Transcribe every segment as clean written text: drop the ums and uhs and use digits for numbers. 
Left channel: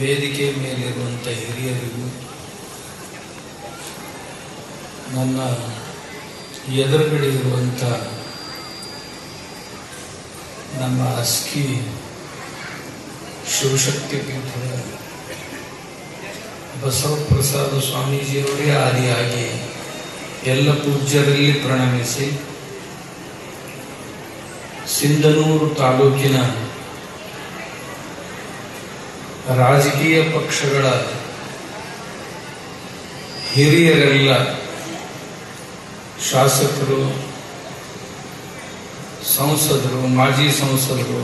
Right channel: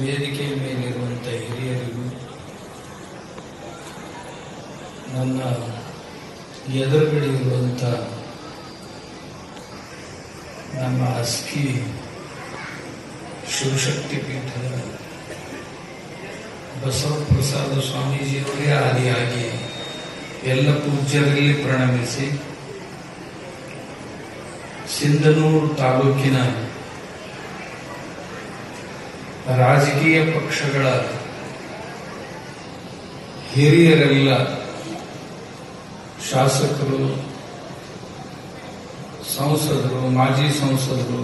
ವೇದಿಕೆ ಮೇಲಿರುವಂಥ ಹಿರಿಯರಿಗೂ, ನನ್ನ ಎದುರುಗಡೆ ಇರುವಂಥ ನಮ್ಮ ಅಸ್ಕಿ ಶಿವಶಕ್ತಿ ಪೀಠದ ಬಸವಪ್ರಸಾದ ಸ್ವಾಮೀಜಿಯವರೇ ಆದಿಯಾಗಿ ಎಲ್ಲ ಪೂಜ್ಯರಲ್ಲಿ ಪ್ರಣಮಿಸಿ, ಸಿಂಧನೂರು ತಾಲೂಕಿನ ರಾಜಕೀಯ ಪಕ್ಷಗಳ ಹಿರಿಯರೆಲ್ಲ, ಶಾಸಕರು, ಸಂಸದರು, ಮಾಜಿ ಸಂಸದರು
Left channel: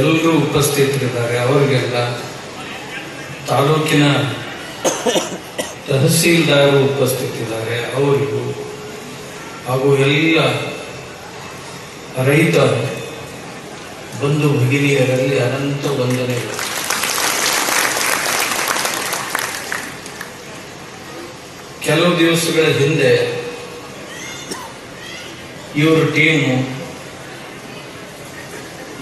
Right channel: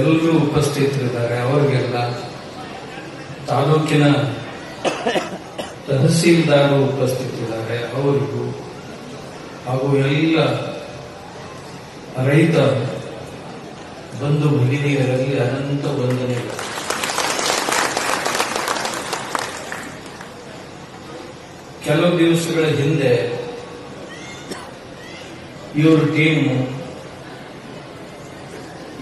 ಎಲ್ಲರೂ ಉಪಸ್ಥಿತರಿದ್ದಾರೆ. ಅವರಿಗೆಲ್ಲ, ತಾಲೂಕಿನ ತಹಸೀಲ್ದಾರರು ಉಪಸ್ಥಿತರಿದ್ದಾರೆ, ಅವರಿಗೂ ಹಾಗೂ ಎಲ್ಲ ರೈತ ಬಂಧು ಭಗಿನಿಯರಲ್ಲಿ ಅನಂತ ವಂದನೆಗಳು. ಕೆಲವು ದಿವಸಗಳ ಹಿಂದೆ ಇವರು ಟೀಮು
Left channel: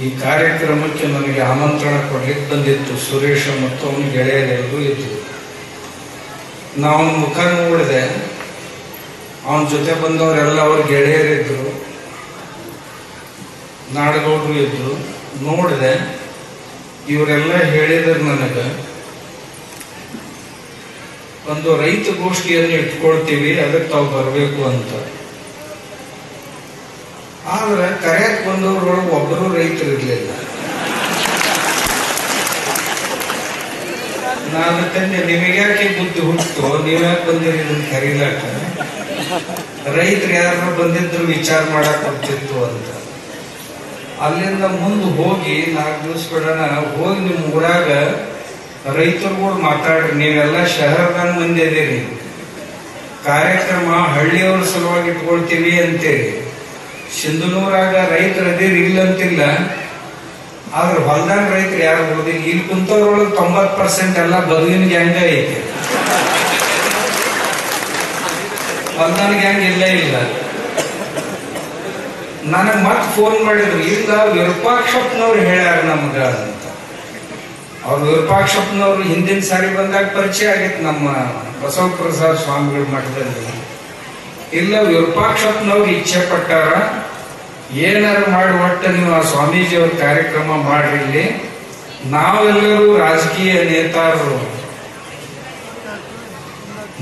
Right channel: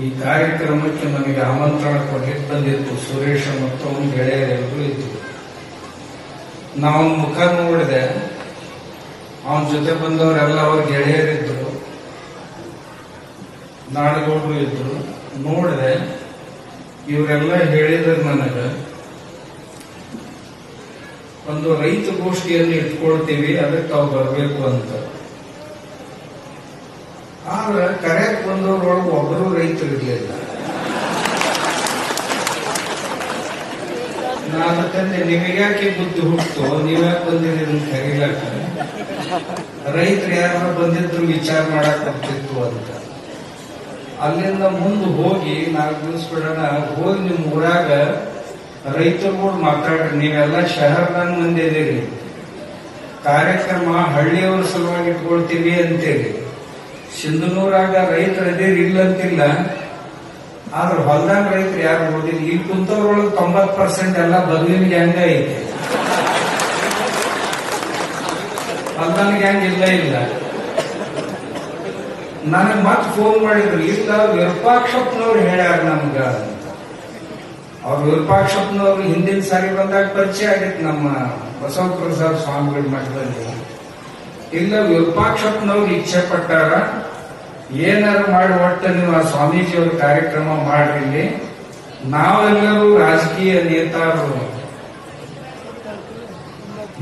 ಈ ಕಾರ್ಯಕ್ರಮಕ್ಕೆ ನನಗೆ ಆಮಂತ್ರಣ ಕೊಡ್ಲಿಕ್ಕೆ ಬಂದಿತ್ತು. ಸುರೇಶ ಮತ್ತು ಅವನ ಗೆಳೆಯರೆಲ್ಲರೂ ಇದ್ರು. ನಾವು ಮುಖ ನೋಡಿದೆ, ಅವನ ಜೊತೆ ಬಂದವರೆಲ್ಲ ಅವ್ರ ಗೆಳೆಯರಿದ್ರು, ನಾಡಗೌಡರು ಇದ್ರು. ನೋಡಿದೆ, ಇವರೆಲ್ಲ ಹೇಳಿದ್ರು ನನಗೆ ಒಂದು ರೈತ ಗೋಷ್ಠಿಯನ್ನು ಇಟ್ಕೊಳ್ತೀವಿ, ಅದಕ್ಕೆ ತಾವು ಬರಬೇಕು ಅಂತ. ಆದ್ರೆ ಕರೆಯಕ್ ಬಂದವರೊಳಗೆ ಒಬ್ಬರು ರೈತರು ಇರಲಿಲ್ಲ. ನಾನು ತಂದೆ, ನಿಮಗ್ಯಾಕೆ ಬುದ್ಧಿ ಹುಟ್ಟು, ನೀವ್ಯಾಕೆ ಬಂದಿರಿ ಅಂತ ಕರೀಲಕ್ಕ, ರೈತರು ಯಾರು ಬಂದಿದ್ರು ವಿಚಾರ ಮಾಡಕ್ ಬರ್ತಿತ್ತು ಅಂತ. ಅಲ್ಲಿಂದ ಮುಂದೆ ಹೋಗಿ 4 ದಿವಸ ಬಿಡೋಣ, ಹೋಗಿ ನಿಮ್ಮ ಊರಾಗ ರೈತರುಗಳು ಮಾತಾಡ್ರಿ, ನೀವೆಲ್ಲ ಶಹರದಾಗ ಮಂದಿ ಇದೀರಿ, ಕಾರ್ಯಕ್ರಮ ಹಳ್ಳಿಯವ್ರ ಸಲುವಾಗಿ ಇಟ್ಕೊಳ್ತೀವಿ ಅಂತೇಳಿ. ಸಿಂಧನೂರಾಗ ರೈತರು ಅದೇರಿ ಇಲ್ಲ ಅಂತಿಲ್ಲ, ಆದ್ರೆ ಹೊಲ್ದಾಗ ರೈತರು ಯಾರು ಓದಿಲ್ಲ. ಇಲ್ಲಿ ಕುಂತವ್ರೊಳಗೆ 90% ಎಲ್ಲ ಬದುವಿನ ಗ್ಯಾಂಗ ಐತೆ, ಹೊಲ್ದಾನ ಗ್ಯಾಂಗ್ ಇಲ್ಲ. ನನಗೆ ಮತ್ತೆ ಫೋನ್ ಮಾಡಿದ್ರು, ಇಲ್ಲ ವಿರೂಪಾಕ್ಷಪ್ಪನವ್ರು ಹೇಳ್ಯಾರ ನಮ್ಗ ಅಂತ. ಅವ್ರು ವಿರೂಪಾಕ್ಷಪ್ಪನವ್ರು ಹಿಂದಿನ ಸಾರಿ ಬಂದಾಗ ಪರಿಚಯ ಆಗಿತ್ತು ನಮ್ಮ ಬಸವಪ್ರಸಾದ ಸ್ವಾಮಿಗಳ ಮಠದಲ್ಲಿ. ಇಲ್ಲ, ವಿರೂಪಾಕ್ಷಪ್ಪನವ್ರು ಇಚ್ಛೆ ಪಟ್ಟಾರ, ಏನಾರು ಮಾಡಿ ಒಟ್ಟು ನೀವು ಆ ಸ್ವಾಮೀಜಿಯವ್ರ ಕಾರ್ಯಕ್ರಮ ಮಾಡ್ರಿ. ಇಲ್ಲಿ ನಾವೆಲ್ಲರೂ ರಾಜಕೀಯ ನೇತಾರರು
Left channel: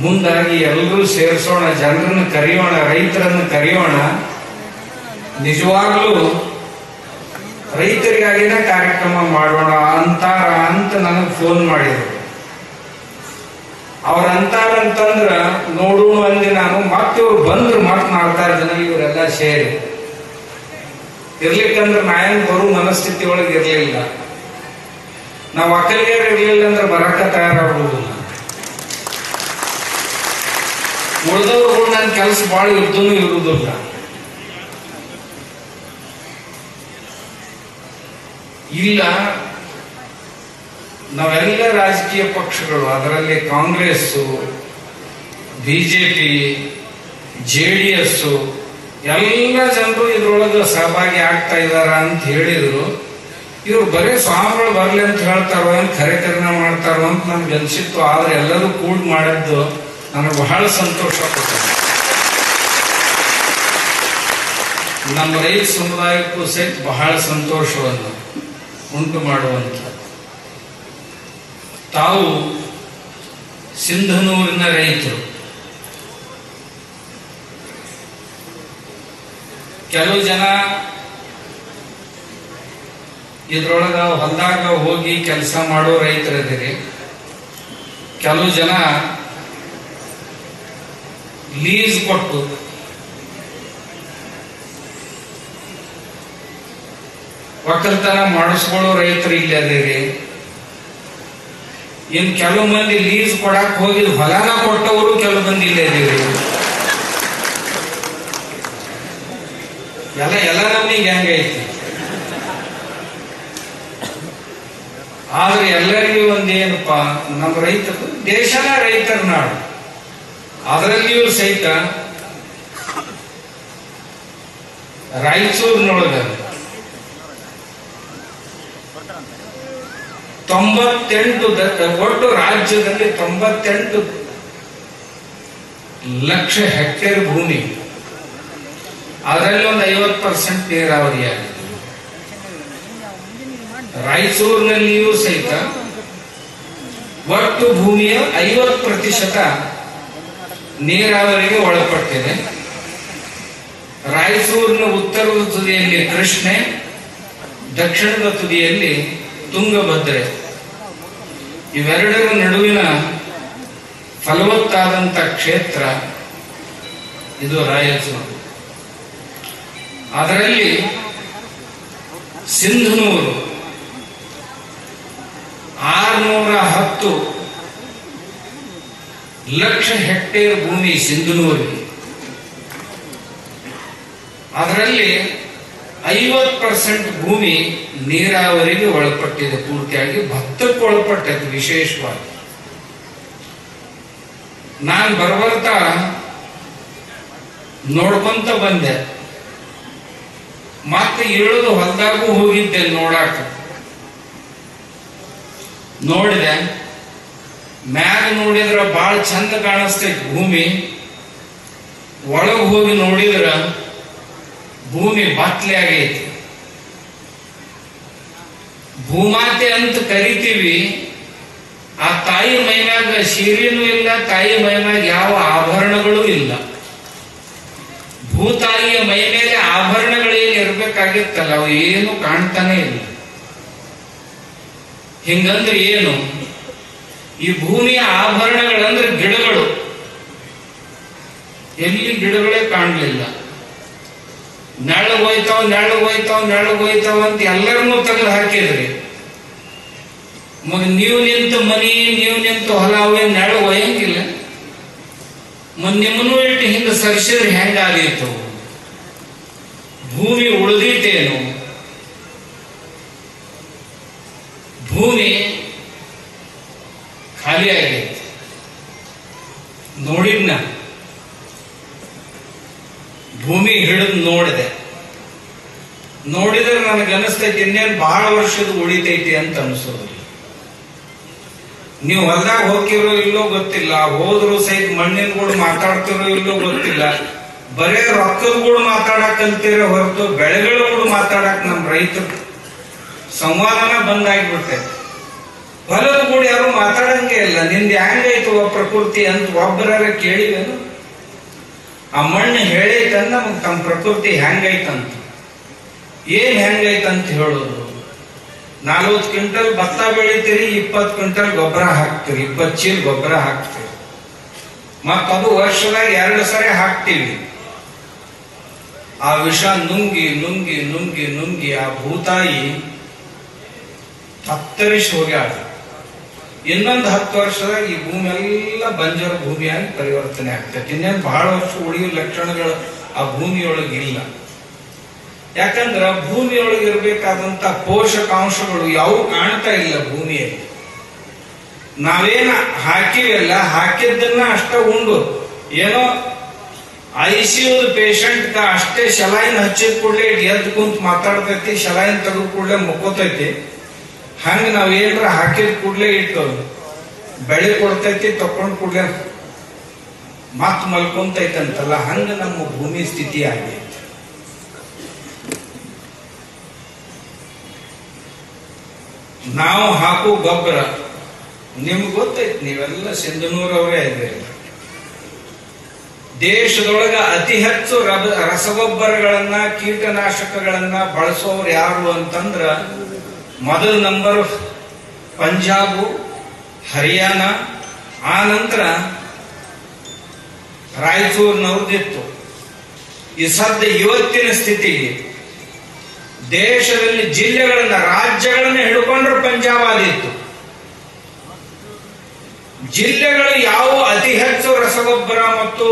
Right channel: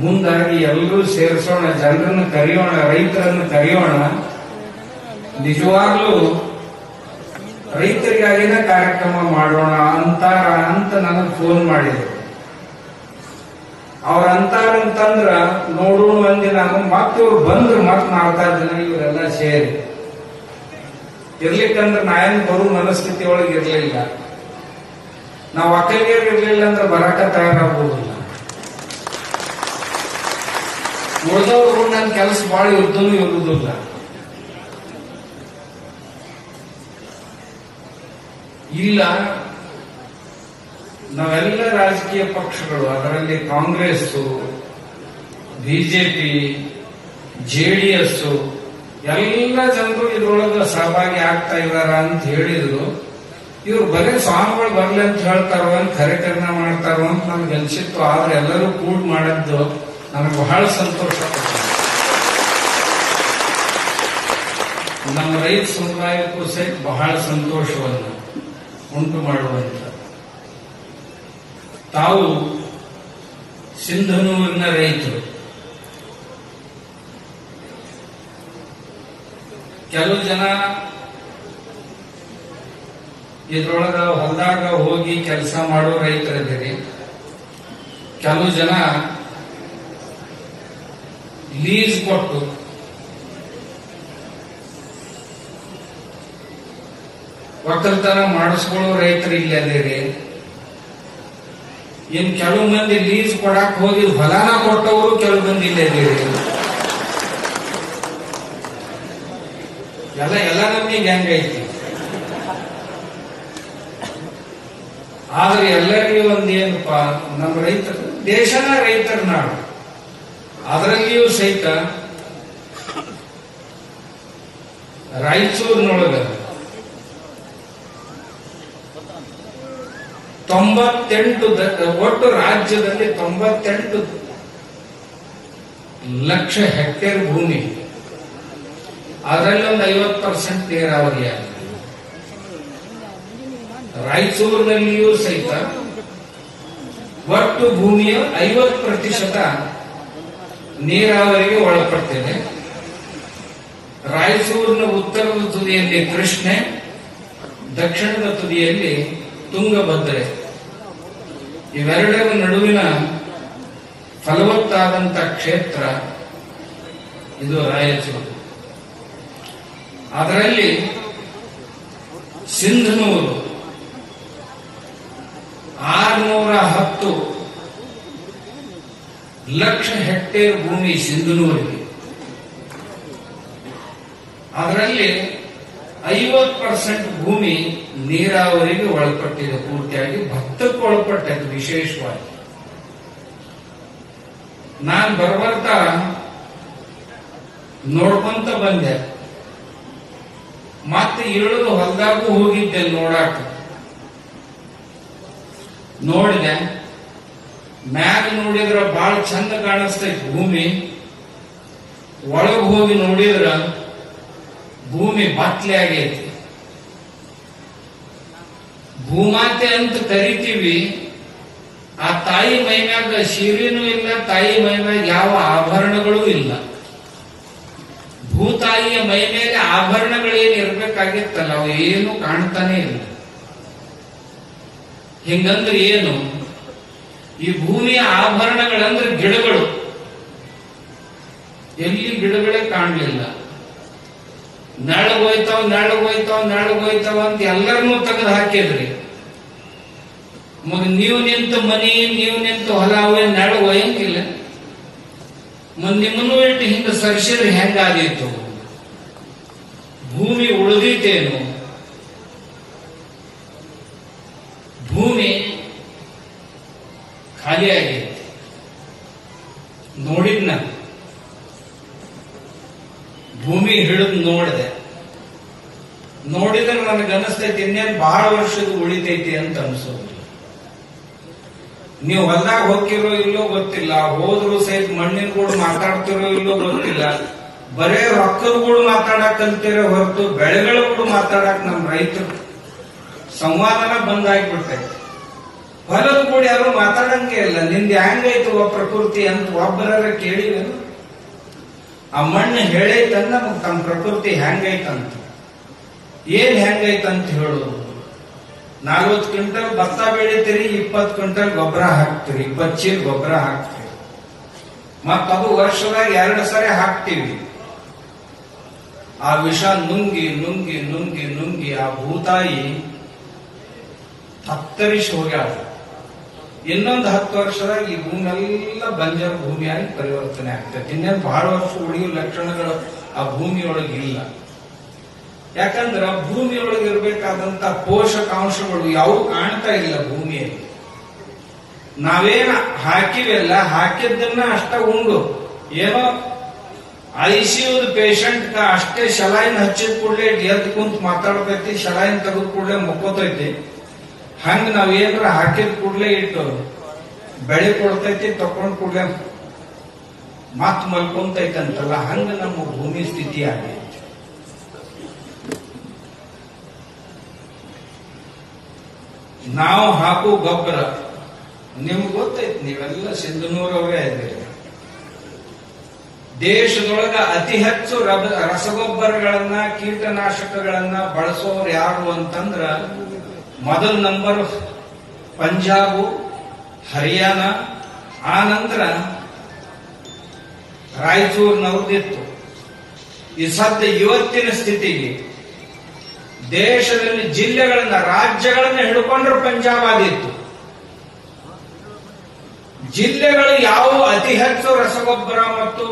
ಮುಂದಾಗಿ ಎಲ್ಲರೂ ಸೇರಿಸೋಣ, ಜನರನ್ನು ಕರೆಯೋಣ, ರೈತರನ್ನು ಕರೆಯೋಣ, ನಿಜವಾಗ್ಲೂ ರೈತರಿಗಾಗಿನ ಕಾರ್ಯಕ್ರಮ ಮಾಡೋಣ ಅಂತಾರ ಅಂತ ನನಗೆ ಫೋನ್ ಮಾಡಿದ್ರು. ಅವ್ರ ಅಂತಾರಂತಂದ್ರ ನೋಡೋಣ ಅಂದೆ ನಾನು. ಮತ್ತೆ ಇವ್ರು ಬಂದ್ರು, ಮತ್ತೆ 4-6 ಜನ ಇವರೆಲ್ಲ ಸೇರಿ. ಇರ್ಲಿಕ್ಕಂದ್ರೆ ನಾಯನ್ ಬರೋ ಮನಸ್ಥಿತಿ ಒಳಗೆ ಇರ್ಲಿಲ್ಲ. ನಾವು ಒಕ್ಕಲಿಗರು ಇರ್ಲಿಲ್ಲ ಅಂದ್ರೆ ಬರಾಕ ತಯಾರಾಗುವುದಿಲ್ಲ. ಉಳಿದವ್ರು ನನ್ನ ಕೆಲಸ ಬಹಳ ಇದ್ದೂ ಇರುವುದಿಲ್ಲ. ಇಲ್ಲ, ನಾವೆಲ್ಲ ರಾಜಕೀಯ ಪಕ್ಷಗಳು, ಅದರಲ್ಲಿ ಕಾಂಗ್ರೆಸ್, ಬಿಜೆಪಿ, JDS ಎಲ್ಲ ಜನರು ಇದ್ರೊಳಗೆ ಸಹಭಾಗಿ ಆಗ್ತಾ ಇದಾರ ಅಂತ ಹೇಳಿದ್ರು. ಇವ್ರು ಬರೀ ಸ್ವಾಮಿಗಳು ಬರ್ಲಿ ಅಂತ ಹೇಳ್ತಾರೋ, ಕಾರ್ಯಕ್ರಮ ಮಾಡ್ತಾರೋ ಅಂತ ನನ್ಗೆ ಅನ್ಸಿತ್ತು. ಆದ್ರೆ ಎಲ್ಲರೂ ಕೂಡ ಮಾಡಿದ್ದು ನನಗೆ ಬಹಳ ಸಂತೋಷ ಪಡ್ತೀನಿ. ನಮ್ಮ ರೈತ ಸಮುದಾಯಕ್ಕೂ ಸಹಿತ ಬಹಳ ಸಂತೋಷವನ್ನು ಉಂಟು ಮಾಡುವಂತ. ತಾವು ಸಿಂಧನೂರಿನ ರೈತರು, ಕೆಲವು ಜನ ಇದ್ರೊಳಗ ಹೊಲದಾಗ ಹೋಗಿ ಕೆಲಸ ಮಾಡೋ ರೈತರಿದ್ದೀರಿ, ಕೆಲವು ಜನ ಲೀಸ್ ಕೊಟ್ಟು ಒಕ್ಕಲ್ತನ ಮಾಡಿಸ್ಕೊಳ್ಳೋ ರೈತರು ಇಲ್ಲಿ ಅದೇರಿ. ಇನ್ ಕೆಲವು ಮಂದಿ ಲೀಸ್ ಕೊಡಕ್ ಹೋಗಿ ಹೊಲನ ಕೊಟ್ಟವರು ಕೆಲವು ಮಂದಿ ಇಲ್ಲೇ ಅದೇರಿ. ಎಲ್ಲ ನಮ್ಗೆ ಹೆಂಗೈತಿ. ಆದ್ರೆ ಎಲ್ಲರಿಗೂ ಒಂದೇನಪ್ಪ, ನಮ್ಮ ರೈತರು ದೇಶನ ರೈತರ ನಾಡು, ಅದರಲ್ಲಿಯೂ ಸಹಿತ ರಾಯಚೂರಿನೊಳಗ 98 ಒಟ್ಟು ರಾಜ್ಯದಲ್ಲಿ 98 ಲಕ್ಷ ಹೆಕ್ಟೇರ್ ಭೂಮಿ, ಅದರಲ್ಲಿ ಒಂದು 50% ನೀರಾವರಿಯಾಗಿದೆ. ರಾಯಚೂರಿನಲ್ಲಿಯೂ ಸಹಿತ ಒಟ್ಟು ಭೂಮಿಯ 50% ನೀರಾವರಿಗೆ ಒಳಪಟ್ಟಿದೆ. ರಾಯಚೂರಿನ ಉತ್ತರದ ತುದಿಯಲ್ಲಿ ಕೃಷ್ಣೆ, ದಕ್ಷಿಣದ ತುದಿಯಲ್ಲಿ ತುಂಗಭದ್ರೆ. ಇವೆರಡರ ನಡುವಿನ ಫಲವತ್ತಾದಂಥ ಕ್ಷೇತ್ರ ಇದು ರಾಯಚೂರು. ಅದರಲ್ಲಿ ಸಿಂಧನೂರು 610 ಲಕ್ಷ ಹೆಕ್ಟೇರ್ ಭೂಮಿ ಸಿಂಧನೂರಿಗೆ. ಅದರಲ್ಲಿ 50% ಭೂಮಿ ನೀರಾವರಿಗೆ ಒಳಪಟ್ಟಿದೆ, ಪೂರ್ತಿಯಾಗಿ ಭತ್ತಕ್ಕೆ ಒಳಪಟ್ಟದ್ದು. ವಿಶೇಷವಾಗಿ ನಾನು ಬರ್ಬರ್ತಾ ನೋಡ್ಕೊಂತ ಬಂದೆ, ಮತ್ತೆ ಇಳಿದು ಹೊಲದಾಗೂ ಹೋಗಿದ್ದೆ ನೋಡಾಕ. ನೋಡಿದೆ, ಮ್ಯಾಗ ನೋಡಿದ್ರ ಬಹಳ ಚಂದ ಕಾಣಿಸ್ತೈತಿ ಭೂಮಿ, ಒಳಗೆ ಹೋಗಿ ನೋಡಿದ್ರ ಭೂಮಿ ಬಾತ್ಲೆ ಆಗೈತಿ. ಭೂಮಾತೆ ಅಂತ ಕರಿತೀವಿ, ಆ ತಾಯಿ ಮೈಮ್ಯಾಗ ಸೀರೆನೂ ಇಲ್ಲ, ತಾಯಿ ಮೈಮ್ಯಾಗ ಯಾವ ಆಭರಣಗಳೂ ಇಲ್ಲ. ಭೂತಾಯಿಯ ಮೈ ಮೇಲೆ ಆಭರಣಗಳೇನು ಇರ್ಬೇಕಾಗಿತ್ತಲ್ಲ, ಅವು ಏನು ಕಾಣ್ತಾನೆ ಇಲ್ಲ. ಹಿಂಗಂದ್ರೆ ಏನು? ಈ ಭೂಮಿಯ ಆಭರಣಗಳಂದ್ರೆ ಗಿಡಗಳು. ಎಲ್ಲಿ ಗಿಡಗಳೇ ಕಾಣಲಿಲ್ಲ. ನೆಳಗೋಯ್ತಾವ್ ನೆಳಗೋಯ್ತಾವ್ ನೆಳಗೋಯ್ತಾವ ಅಂತ ಎಲ್ಲರನ್ನೂ ತೆಗೆದು ಹಾಕಿದ್ರಿ. ನೀವು ನಿಂತು ಮನಿ, ನೀವು ನಿಂತು ಹೊಲ, ಅವೇ ನೆಳಗೋಯಂಗಿಲ್ಲ. ನಿಮ್ಮನ್ನು ಇಟ್ಟು ಹಿಂದೆ ಸರಿಸಿದ್ರೆ ಹೆಂಗಾದೀತು? ಭೂಮಿ ಉಳಿದೀತೇನು? ಭೂಮಿ ಖಾಲಿ ಆಗೈತಿ. ನೋಡಿದ್ನ ಭೂಮಿ ಹಿಡಿದು ನೋಡಿದ್ರೆ ನನಗನ್ನಿಸ್ತೈತಿ ಇನ್ನೇನು ಬಹಳ ವರ್ಷದ ಉಳಿತೈತಿ ಅಂತ ಅನ್ಸೋದಿಲ್ಲ. ನೀವು ಹೊಲದಾಗ ಹೋಗಿರೋ ಇಲ್ಲೋ ಗೊತ್ತಿಲ್ಲ, ಹೋದ್ರು ಸಹಿತ ಮಣ್ಣಿನ ಗೂಡು ಮಾತಾಡ್ತಿರೋ ಇಲ್ಲೋ ಗೊತ್ತಿಲ್ಲ. ಬರೇ ರೊಕ್ಕದ ಗೂಡು ಮಾತಾಡಕ್ ಕಲ್ತಿರೋ ಹೊರತು ಬೆಳೆಗಳ ಗೂಡು ಮಾತಾಡಕ್ ನಮ್ ರೈತರು ಸಂವಾದನ ಬಂದಾಗ್ಬಿಟ್ಟೈತಿ. ಹೊಲದ ಗೂಡು ಯಾರು ಮಾತಾಡಂಗೆ ಇಲ್ಲ. ನಿಂದ ಹೆಂಗೈತು ಪ್ರಕೃತಿ ಅಂತ ಒಬ್ಬರ ಕೇಳಿವೇನು? ಆ ಮಣ್ಣು ಹೇಳೈತಂದ ನಮಗ್ ತಮ್ಮ ಪ್ರಕೃತಿ ಹೆಂಗೈತಂತ. ಏನ್ ಹೆಂಗೈತಂತ ಹೇಳೋದು? 40 ಕ್ವಿಂಟಲ್ ಭತ್ತ ಬೆಳಿತೀರಿ, 20 ಕ್ವಿಂಟಲ್ ಗೊಬ್ಬರ ಹಾಕ್ತೀರಿ, 20 ಚೀಲ ಗೊಬ್ಬರ ಹಾಕ್ತೀರಿ. ಮತ್ತದು ವರ್ಷದಾಗ 2 ಸರಿ ಹಾಕ್ತೀವಿ. ಆ ವಿಷ ನುಂಗಿ ನುಂಗಿ ನುಂಗಿ ನುಂಗಿ ಆ ಭೂತಾಯಿ ತತ್ತರಿಸಿ ಹೋಗ್ಯಾಳ. ಇನ್ನೊಂದು 10 ವರ್ಷದಾಗ ಈ ಭೂಮಿ ಎಲ್ಲ ಬಂಜರ ಭೂಮಿಯಾಗಿ ಪರಿವರ್ತನೆ ಆಗ್ತೈತಿ. ಇನ್ನೇನು ಬಹಳ ವರ್ಷ ಉಳಿಯುವ ಲಕ್ಷಣಗಳು ಆ ಭೂಮಿಯೊಳಗೆ ಇಲ್ಲ. ಯಾಕಂದ್ರ ಭೂಮಿಯೊಳಗೆ ಇರಬೇಕಾದಂತ ಪೋಷಕಾಂಶಗಳು ಯಾವ ಕಾಣ್ತಾ ಇಲ್ಲ ಭೂಮಿಯಲ್ಲಿ. ನಾವೇನ ಹಾಕಿವೆಲ್ಲ, ಹಾಕಿದ್ದನ್ನ ಅಷ್ಟ ಉಂಡು ಏನೋ ICU ಪೇಷಂಟ್ ಅಷ್ಟೇ ಶಲಾಯಿನ್ ಹಚ್ಚಿದ ಕೂಡಲೇ ಎದ್ದು ಕುಂತ ಮಾತಾಡ್ತೈತಿ, ಶಲಾಯಿನ್ ತೆಗೆದ ಕೂಡಲೇ ಮುಕ್ಕೋತೈತಿ. ಹಂಗ ನಾವೇನ್ರ ಹಾಕಿದ ಕೂಡಲೇ ಇಟ್ಟು ಬೆಳೆ ಕೊಡ್ತೈತಿ, ತಕೊಂಡ್ ಕೂಡಲೇ ಮತ್ ಮಲ್ಕೊಂತೈತಂತಲ್ಲ, ಹಂಗ ನಮ್ಮ ಭೂಮಿ ಸ್ಥಿತಿ ಆಗೈತಿ. ನಾವು ಹಾಕೋ ಗೊಬ್ಬರ ನಿಮ್ಗೆ ಗೊತ್ತೈತಿ, ನೀವೆಲ್ಲ ಸಿಂಧನೂರವರೇ ಇದ್ದೀರಿ. ದೇಶದೊಳಗ ಅತಿ ಹೆಚ್ಚು ರಸಗೊಬ್ಬರಗಳನ್ನ, ಕೀಟನಾಶಕಗಳನ್ನ ಬಳಸೋರು ಯಾರು ಅಂತಂದ್ರ ಮೊದಲ ನಂಬರ್ ಪಂಜಾಬು, ಹರಿಯಾಣ, ಆ ನಂತರ ರಾಯಚೂರಿನವ್ರದ್ದಿತ್ತು. ಈ ಸದ್ಯ ಇವತ್ತಿನ ಸ್ಥಿತಿಗೆ ದೇಶದಲ್ಲಿ ಜಿಲ್ಲೆಗಳನ್ನ, ರಾಜ್ಯಗಳನ್ನ ಹಿಡ್ಕೊಂಡ್ರೆ ಪಂಜಾಬ್ ಆದಿತ್ತು. ಜಿಲ್ಲೆಗಳು ಯಾವ ಅತಿ ಹೆಚ್ಚು ರಸಗೊಬ್ಬರ ಮತ್ತು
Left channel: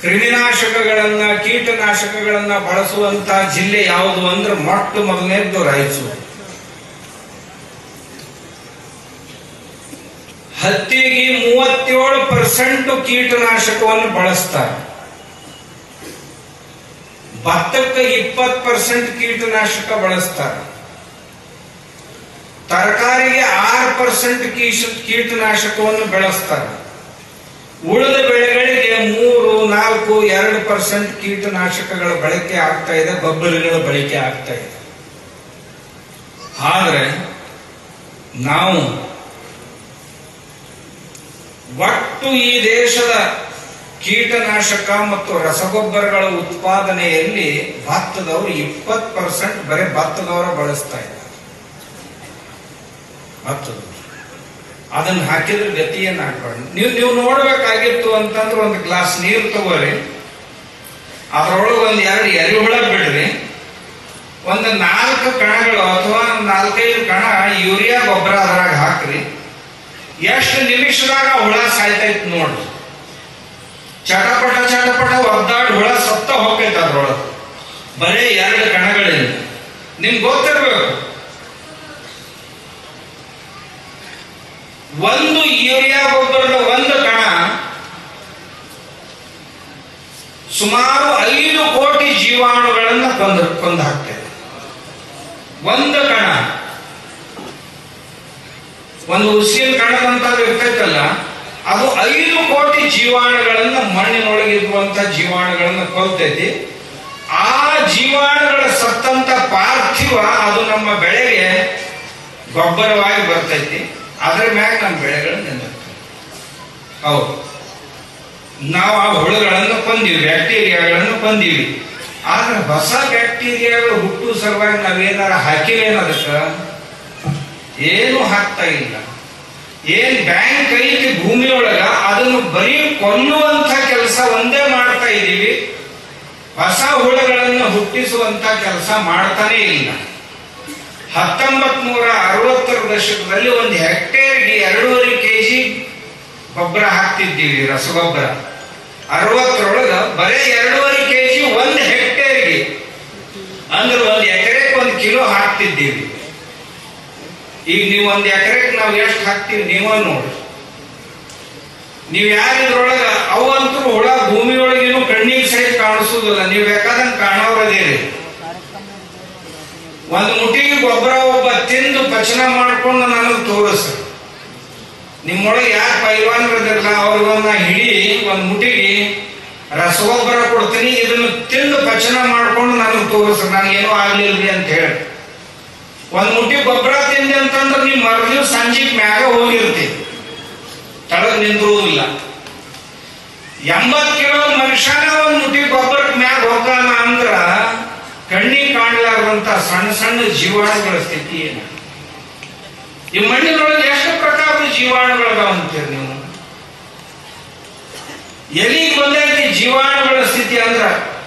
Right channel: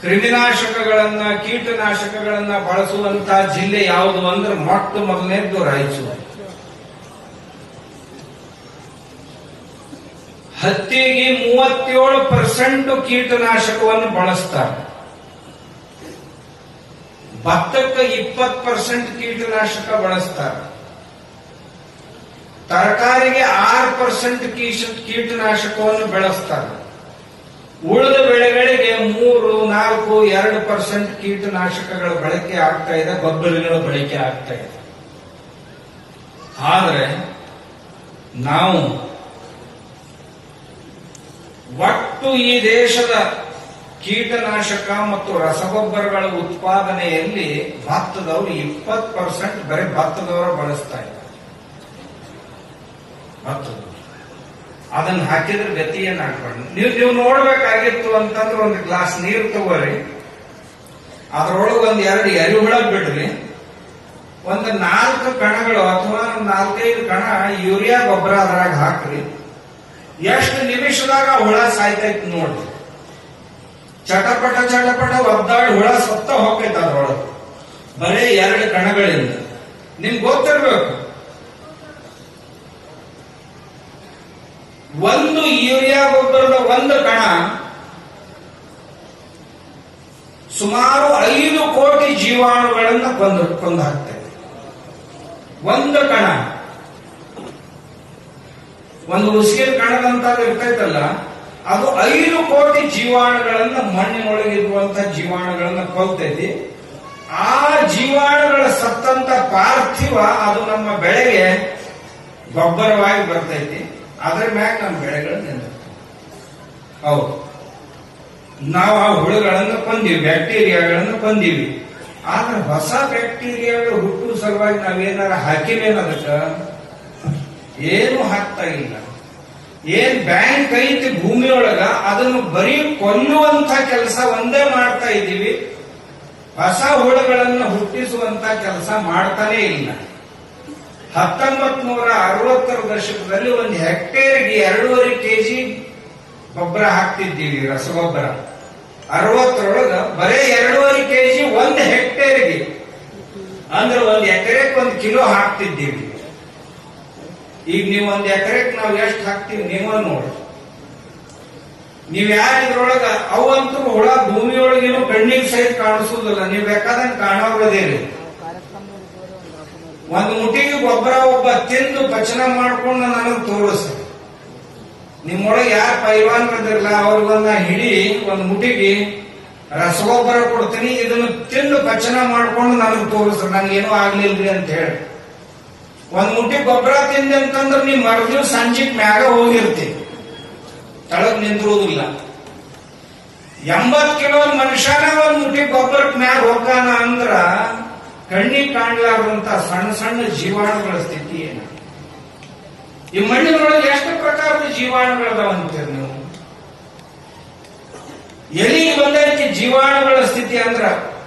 ಕ್ರಿಮಿನಾಶಕಗಳನ್ನ, ಕೀಟನಾಶಕಗಳನ್ನ ಬಳಸುವಂತಹ ಜಿಲ್ಲೆ ಯಾವುದು ಅಂದ್ರೆ ಮೊಟ್ಟ ಮೊದಲನೇದ್ದು ರಾಯಚೂರು. ಹತ್ತಿಗೆ 37% ಕೀಟನಾಶಕವನ್ನು ಬಳಸ್ತಾರೆ. ಭತ್ತಕ್ಕೆ 20% ಕೀಟನಾಶಕ ಬಳಸ್ತಾರೆ. ತರಕಾರಿಗೆ 6% ಕೀಟನಾಶಕವನ್ನು ಬೆಳೆಸ್ತಾರೆ. ಉಳಿದ ಬೆಳೆಗಳಿಗೆ 3-4-2% ಕೀಟನಾಶಕಗಳ ಬಳಕೆ ಆಗ್ತಾ ಇದೆ, ಗೊಬ್ಬರಗಳ ಬಳಕೆ ಆಗ್ತಾ ಇದೆ. ಆದರೆ ನಾವು ಒಟ್ಟು ಈ ದೇಶದ ಕೀಟನಾಶಕ ಮತ್ತು ರಸಗೊಬ್ಬರಗಳ ಉತ್ಪಾದನೆಯಲ್ಲಿ ಭತ್ತದವರು 20% ಬರೀ ಭತ್ತದವರ ಬಳಸ್ತಾ ಇದ್ದಾರೆ. ಅದನ್ನು ಹಾಕಿದ್ರೆ ಗತಿ ಏನಾಗ್ಬಾರ್ದು. ನೀವು ನೋಡ್ಬೇಕಾಗಿತ್ತು ಅಂತಂದ್ರೆ ಒಂದು ಗ್ಲಾಸ್ ನೀರು ತಗೋರಿ, ಅದರೊಳಗೆ ಒಂದು 2 ಎರೆಹುಳ ಬಿಡ್ರಿ, ಒಂದು 4 ಕಣಗಳು ಅಥವಾ 4-5 ಕಣ ಯೂರಿಯಾ ಗೊಬ್ಬರ ಅದ್ರಾಗ ಹಾಕ್ರಿ. ಎಷ್ಟು ನಿಮಿಷದಾಗ ಹುಳ ಸಾಯ್ತೈತಿ ನೋಡ್ರಿ. ಚಟಪಟ ಒದ್ದಾಡಿ ಹುಳ ಸತ್ತ ಹೋಗ್ತೈತೆ ಅದ್ರೊಳಗೆ, ಬರೀ 2 ಕಣಗಳಿಂದ. ನಿಮ್ಗೆ ಗೊತ್ತಿರ್ಬೇಕು, ಒಂದು ಯೂರಿಯಾ ಗೊಬ್ಬರದ ಒಂದು ಕಣ ಸುಮಾರು 5 ಕೋಟಿ ಜೀವಾಣುಗಳನ್ನ ಕೊಂದು ಹಾಕ್ತದೆ. ಒಂದು ಕಣ, ಒಂದು ಉಸಿರು ಕಣದಂತ ಇರ್ತೈತಲ್ಲ, ಅದು 5 ಕೋಟಿ ಜೀವಾಣುಗಳನ್ನ, ಮಣ್ಣಿನೊಳಗಿರುವಂತಹ ಜೀವಾಣುಗಳನ್ನ ಕೊಲ್ತೈತಿ. ಆ ಜೀವಾಣುಗಳ ಸತ್ತಂತ ಪಾರ್ಥಿವ ಅದು ನಮ್ಮ ಬೆಳೆಗೆ ಗೊಬ್ಬರವಾಗಿ ಬರ್ತೈತಿ. ಅದ್ರ ಮ್ಯಾಗ ನಮ್ಮ ಬೆಳೆಗಳು ನಿಲ್ಲುತ್ತೆ. ಹೌದು, ನಾವು ಆ ಹುಳುಗಳನ್ನು ಕೊಂದೀವಿ, ಬ್ಯಾಕ್ಟೀರಿಯಾಗಳನ್ನು ಕೊಂದೀವಿ. ಆದ್ರೆ ಹೊಸ ಬ್ಯಾಕ್ಟೀರಿಯಾಗಳು ಹುಟ್ಟುವ ಸಲುವಾಗಿ ನಾವೇನಾರ ಹಾಕಿವೇನದಕ್ಕೆ? ಏನು ಹಾಕ್ತಾ ಇಲ್ಲ. ಏನ್ ಬ್ಯಾಂಕ್ ಐತಿ ಭೂಮಿಯೊಳಗ, ಅದನ್ನು ಬರೀ ಕೊಲ್ಲುವಂತ ಕೆಲಸ ಒಂದೇ ಮಾಡ್ತಾ ಇದ್ದೀವಿ. ಹೊಸ ಹುಳುಗಳನ್ನು ಹುಟ್ಟಿಸುವಂತ ಕೆಲಸ ಮಾಡ್ತಾನೆ ಇಲ್ಲ. 1960ರ ದಶಕದಲ್ಲಿ ಒಂದು ಹೆಕ್ಟೇರ್ಗೆ 2.5 kg ಗೊಬ್ಬರ ಹಾಕ್ತಿದ್ದೀವಿ, ರಸಗೊಬ್ಬರ. 60ರೊಳಗ ಬರೀ 2.5 kg ಒಂದು ಹೆಕ್ಟೇರ್ಗೆ, ಅಂದ್ರೆ 1 ಎಕರೆಗೆ 1 ಕಿಲೋ ಹಾಕ್ತಿದ್ದೀವಿ. ಈಗ ನೀವು 1 ಎಕರೆಗೆ ನಾವು ಎಷ್ಟು ಹಾಕ್ತೀವಿ ನೀವ ನೋಡಿ. ನೀವ್ ಯಾರಿದ್ರೊಳಗ ಅವಂತೂ ಹುಳ ಭೂಮಿಯೊಳಗೇನು ಕಣ್ಣಿಗೆ ಸಹಿತ ಕಾಣಿಸುದಿಲ್ಲ, ನೀವ್ ಬೇಕಾದಂಗೆ ಕಾಣೋರದೇರಿ. 1 ಮುಟ್ಟಿಗೆ ಗೊಬ್ಬರ ಒಬ್ಬ ತಿಂದು ಪಚನ ಮಾಡ್ಕೊಂಡು ನನಗೆ ತೋರಿಸ. ನಿಮ್ಮೊಳಗೆ ಯಾರು ಪೈಲ್ವಾನ್ರದಿರಲ್ಲ ಅವ್ರಿಗೊಂದ ಹಿಡಿ 1 ಮುಟ್ಟಿಗೆ ರಸಗೊಬ್ಬರ ಕೊಡ್ತೀನಿ, ಇದನ್ನು ತಿಂದು ಪಚನ ಮಾಡ್ಕೊಂಡು ನನಗೆ ತೋರಿಸ, ನನಗೇನೋ ಆಗ್ಲಿಲ್ರಿ ಅಂತ ಹೇಳಿ. 1 ಮುಟ್ಟಿ ಗೊಬ್ಬರ ತಿಂದೆ ಅಂತಂದ್ರೆ ನೀವು ಮರುದಿವ್ಸ ಸಂಜೆಗೆ ಮ್ಯಾಗ ಹೋಗಿರ್ತೀವಿ, ತಳಗ್ ನಿಂದಿರುವುದಿಲ್ಲ. 80 ಕಿಲೋ ಮನುಷ್ಯನ 1 ಮುಟ್ಟಿ ಗೊಬ್ಬರಕ್ಕೆ ಮ್ಯಾಗ ಹೋಗಾನ ಅಂದ್ರ ಕಣ್ಣಿಗೆ ಕಾಣಲಾರದಂತ ಸಣ್ಣ ಸಣ್ಣ ಜೀವಾಣುಗಳ ಸ್ಥಿತಿ ಏನು? ಈ ಮಣ್ಣಿನೊಳಗೆ ಎಷ್ಟು ಪ್ರಕಾರದ ಜೀವಾಣುಗಳದಾವ ಅಂತೀರಿ ನೀವು? ಎಲ್ಲಿಗೆ ಬಂದೈತಿ ಜೀವಾಣುಗಳ ಸ್ಥಿತಿ ಅಂದ್ರ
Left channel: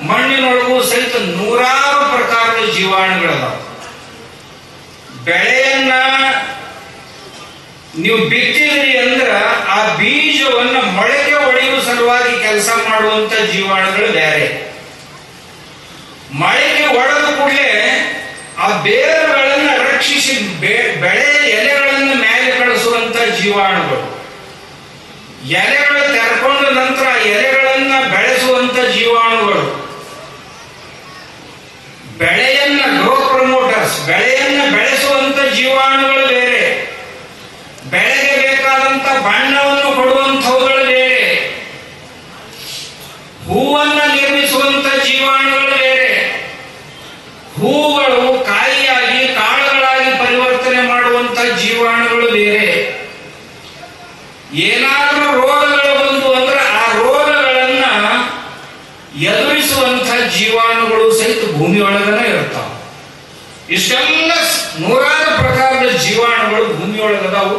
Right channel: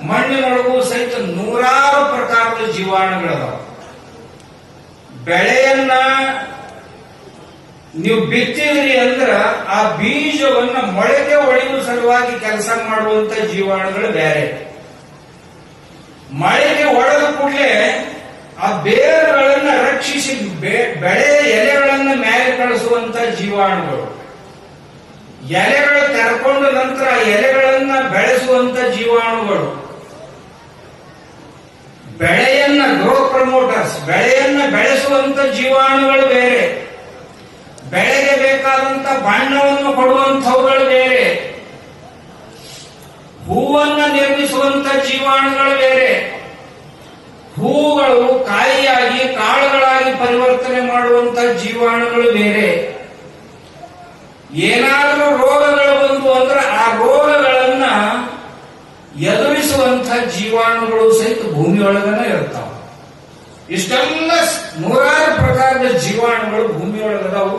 ಮಣ್ಣಿನೊಳಗೂ ಸಹಿತ 100 ಪ್ರಕಾರದ ಜೀವಾಣುಗಳದಾವ. ಬೆಳೆಯನ್ನ ನೀವು ಬಿತ್ತಿದ್ರಿ ಅಂದ್ರ ಆ ಬೀಜವನ್ನ ಮೊಳಕೆ ಒಡೆಯುವ ಸಲುವಾಗಿ ಕೆಲಸ ಮಾಡುವಂತ ಜೀವಾಣುಗಳು ಬೇರೆ. ಮಳೆಗೆ ಒಡೆದ ಕೂಡಲೇ ಆ ಬೇರುಗಳನ್ನ ರಕ್ಷಿಸಿ ಬೆಳೆ ಎಲೆಗಳನ್ನ ಮೇಲೆ ಕಳಿಸುವಂತ ಜೀವಾಣುಗಳು, ಎಲೆಗಳು ತೆರ್ಕೊಂಡ ನಂತರ ಎಲೆಗಳನ್ನ ಬೆಳೆಸುವಂತ ಜೀವಾಣುಗಳು, ಬೆಳೆಯನ್ನ ಗ್ರೋ ಪ್ರಮೋಟರ್ಸ್, ಬೆಳೆಯನ್ನ ಬೆಳೆಸುವಂತ ಜೀವಾಣುಗಳು ಬೇರೆ, ಬೆಳೆಗೆ ಬೇಕಾದಂತ ಬಣ್ಣವನ್ನು ಕೊಡುವಂಥವುಗಳು ಬೇರೆ, ಹೂವನ್ನ ನಿರ್ಮಿಸುವಂತ ಜೀವಾಣುಗಳು ಬೇರೆ, ಹೂಗಳು ಕಾಯಿಯಾಗಿ ಕಾಳುಗಳಾಗಿ ಪರಿವರ್ತನೆ ಮಾಡುವಂತ ಜೀವಾಣುಗಳು ಬೇರೆ. ಏನಾದ್ರೂ ರೋಗಗಳು ಬಂದು ಅಂದ್ರೆ ಆ ರೋಗಗಳನ್ನ ಎದುರಿಸುವಂತ ಜೀವಾಣುಗಳು ಸಹಿತ ಭೂಮಿಯೊಳಗನೆ ಇರ್ತಾವ. ಇಷ್ಟೆಲ್ಲ 100 ಪ್ರಕಾರದ ಜೀವಾಣುಗಳು ಭೂಮಿಯೊಳಗದಾವು.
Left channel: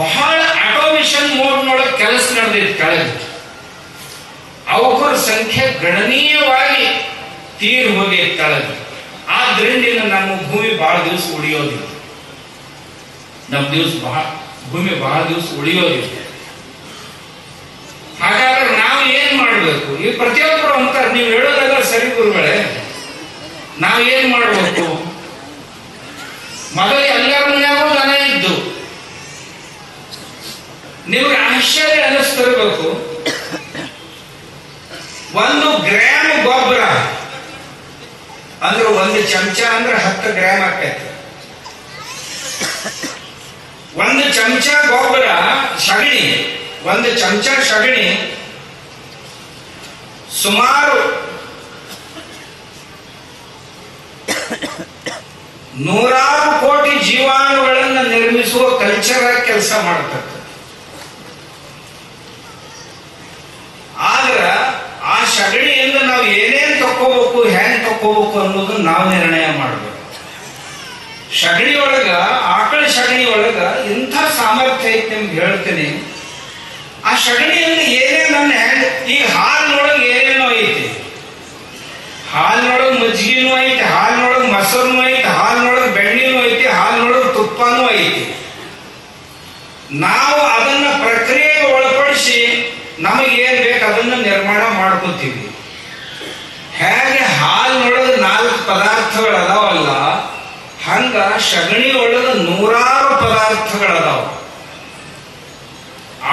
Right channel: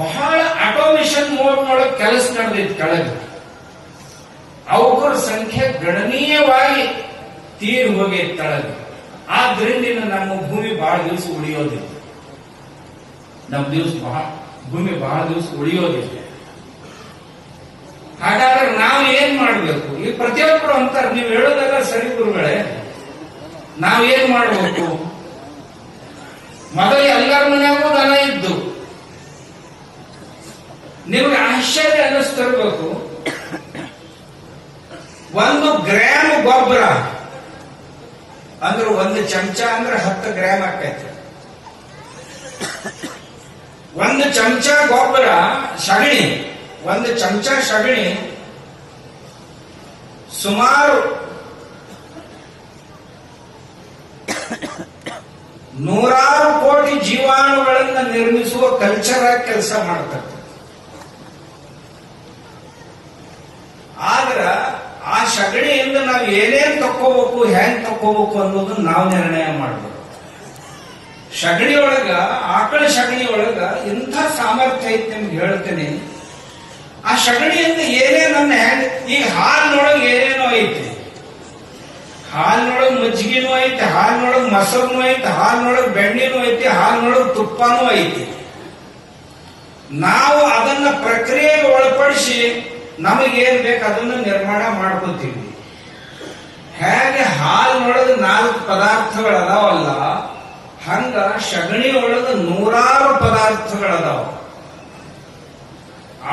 ಬಹಳ ಆಟೋಮೇಷನ್ ಮೋಡ್ನೊಳಗೆ ಕೆಲಸ ನಡೆದೈತಿ ಕೆಳಗೆ. ಅವರ ಸಂಖ್ಯೆ ಗಣನೀಯವಾಗಿ ತೀರಿ ಹೋಗೈತಿ ಕೆಳಗೆ. ಆದ್ರಿಂದ ನಮ್ಮ ಭೂಮಿ ಬಹಳ ದಿವಸ ಉಳಿಯೋದಿಲ್ಲ. ಭೂಮಿ ಬಹಳ ದಿವಸ ಉಳಿಯೋದಿಲ್ಲ. ಹಾಗಾದ್ರೆ ನಾವು ಏನ್ ಮಾಡ್ಬೇಕು? ಈ ಪ್ರತಿಯೊಬ್ಬರು ಅಂತಾರೆ, ನೀವು ಹೇಳೋದೆಲ್ಲ ಸರಿ ಗುರುಗಳೇ, ನಾವ್ ಏನ್ ಮಾಡ್ಬೇಕು? ಮೊದಲು ಎಲ್ಲರ ಮನ್ಯಾಗೂ ದನ ಇದ್ದು, ನಿಮಗೆ ಆಶ್ಚರ್ಯ ಅನ್ನಿಸ್ತಿರ್ಬೇಕು, 1 ಗ್ರಾಮ್ ಗೊಬ್ಬರ ಅಂದ್ರೆ 1 ಚಮಚ ಅಂದ್ರೆ 10 ಗ್ರಾಮ್ ಆಕೈತಿ. ಒಂದು ಚಮಚ ಗೊಬ್ಬರ ಸಗಣಿ, ಒಂದು ಚಮಚ ಸಗಣಿ ಸುಮಾರು 100 ಕೋಟಿ ಜೀವಾಣುಗಳನ್ನು ನಿರ್ಮಿಸುವ ಕಲ್ಚರ್ ಆಗಿ ಕೆಲಸ ಮಾಡ್ತಕ್ಕ. ಆದ್ರ ಆ ಸಗಣಿಯಿಂದ ನಾವು ಏನೇನ್ ತಕ್ಕೋಬೇಕು, ಹೆಂಗ್ ತಕ್ಕೋಬೇಕು ಅನ್ನೋದನ್ನ ನಾವು ನಿರ್ಣಯ ಮಾಡಬೇಕು. ಸಗಣಿ ಒಳಗ, ಆಕಳ ಸಗಣಿ ಒಳಗ ಇಂಥ ಸಾಮರ್ಥ್ಯ ಐತಿ ನಿಮ್ಗೆ ಹೇಳ್ತೀನಿ. ಆ ಸಗಣಿಯಿಂದ ಏನೇನ ಹೆಂಗ್, ಈಗ ಹಾಲಿನೊಳಗೆ ಏನೇನೋ ಐತಿ, ಹಾಲಿನೊಳಗೆ ಮಜ್ಜಿಗೆನೂ ಐತಿ, ಹಾಲಿನೊಳಗೆ ಮೊಸರನು ಐತಿ, ಹಾಲಿನೊಳಗೆ ಬೆಣ್ಣೆನೂ ಐತಿ, ಹಾಲಿನೊಳಗೆ ತುಪ್ಪನೂ ಐತಿ. ನಾವು ಅದನ್ನ ಪ್ರಕ್ರಿಯೆಗೆ ಒಳಪಡಿಸಿ ನಮಗೇನ್ ಬೇಕು ಅದನ್ನ ನಿರ್ಮಾಣ ಮಾಡ್ಕೋತೀವಿ. ಹೇಗೆ ಹಾಲಿನೊಳಗೆ 4 ಪದಾರ್ಥಗಳು ಅದಾವಲ್ಲ, ಹಂಗ ಸಗಣಿ ಒಳಗೆ 100 ಪದಾರ್ಥಗಳದಾವ.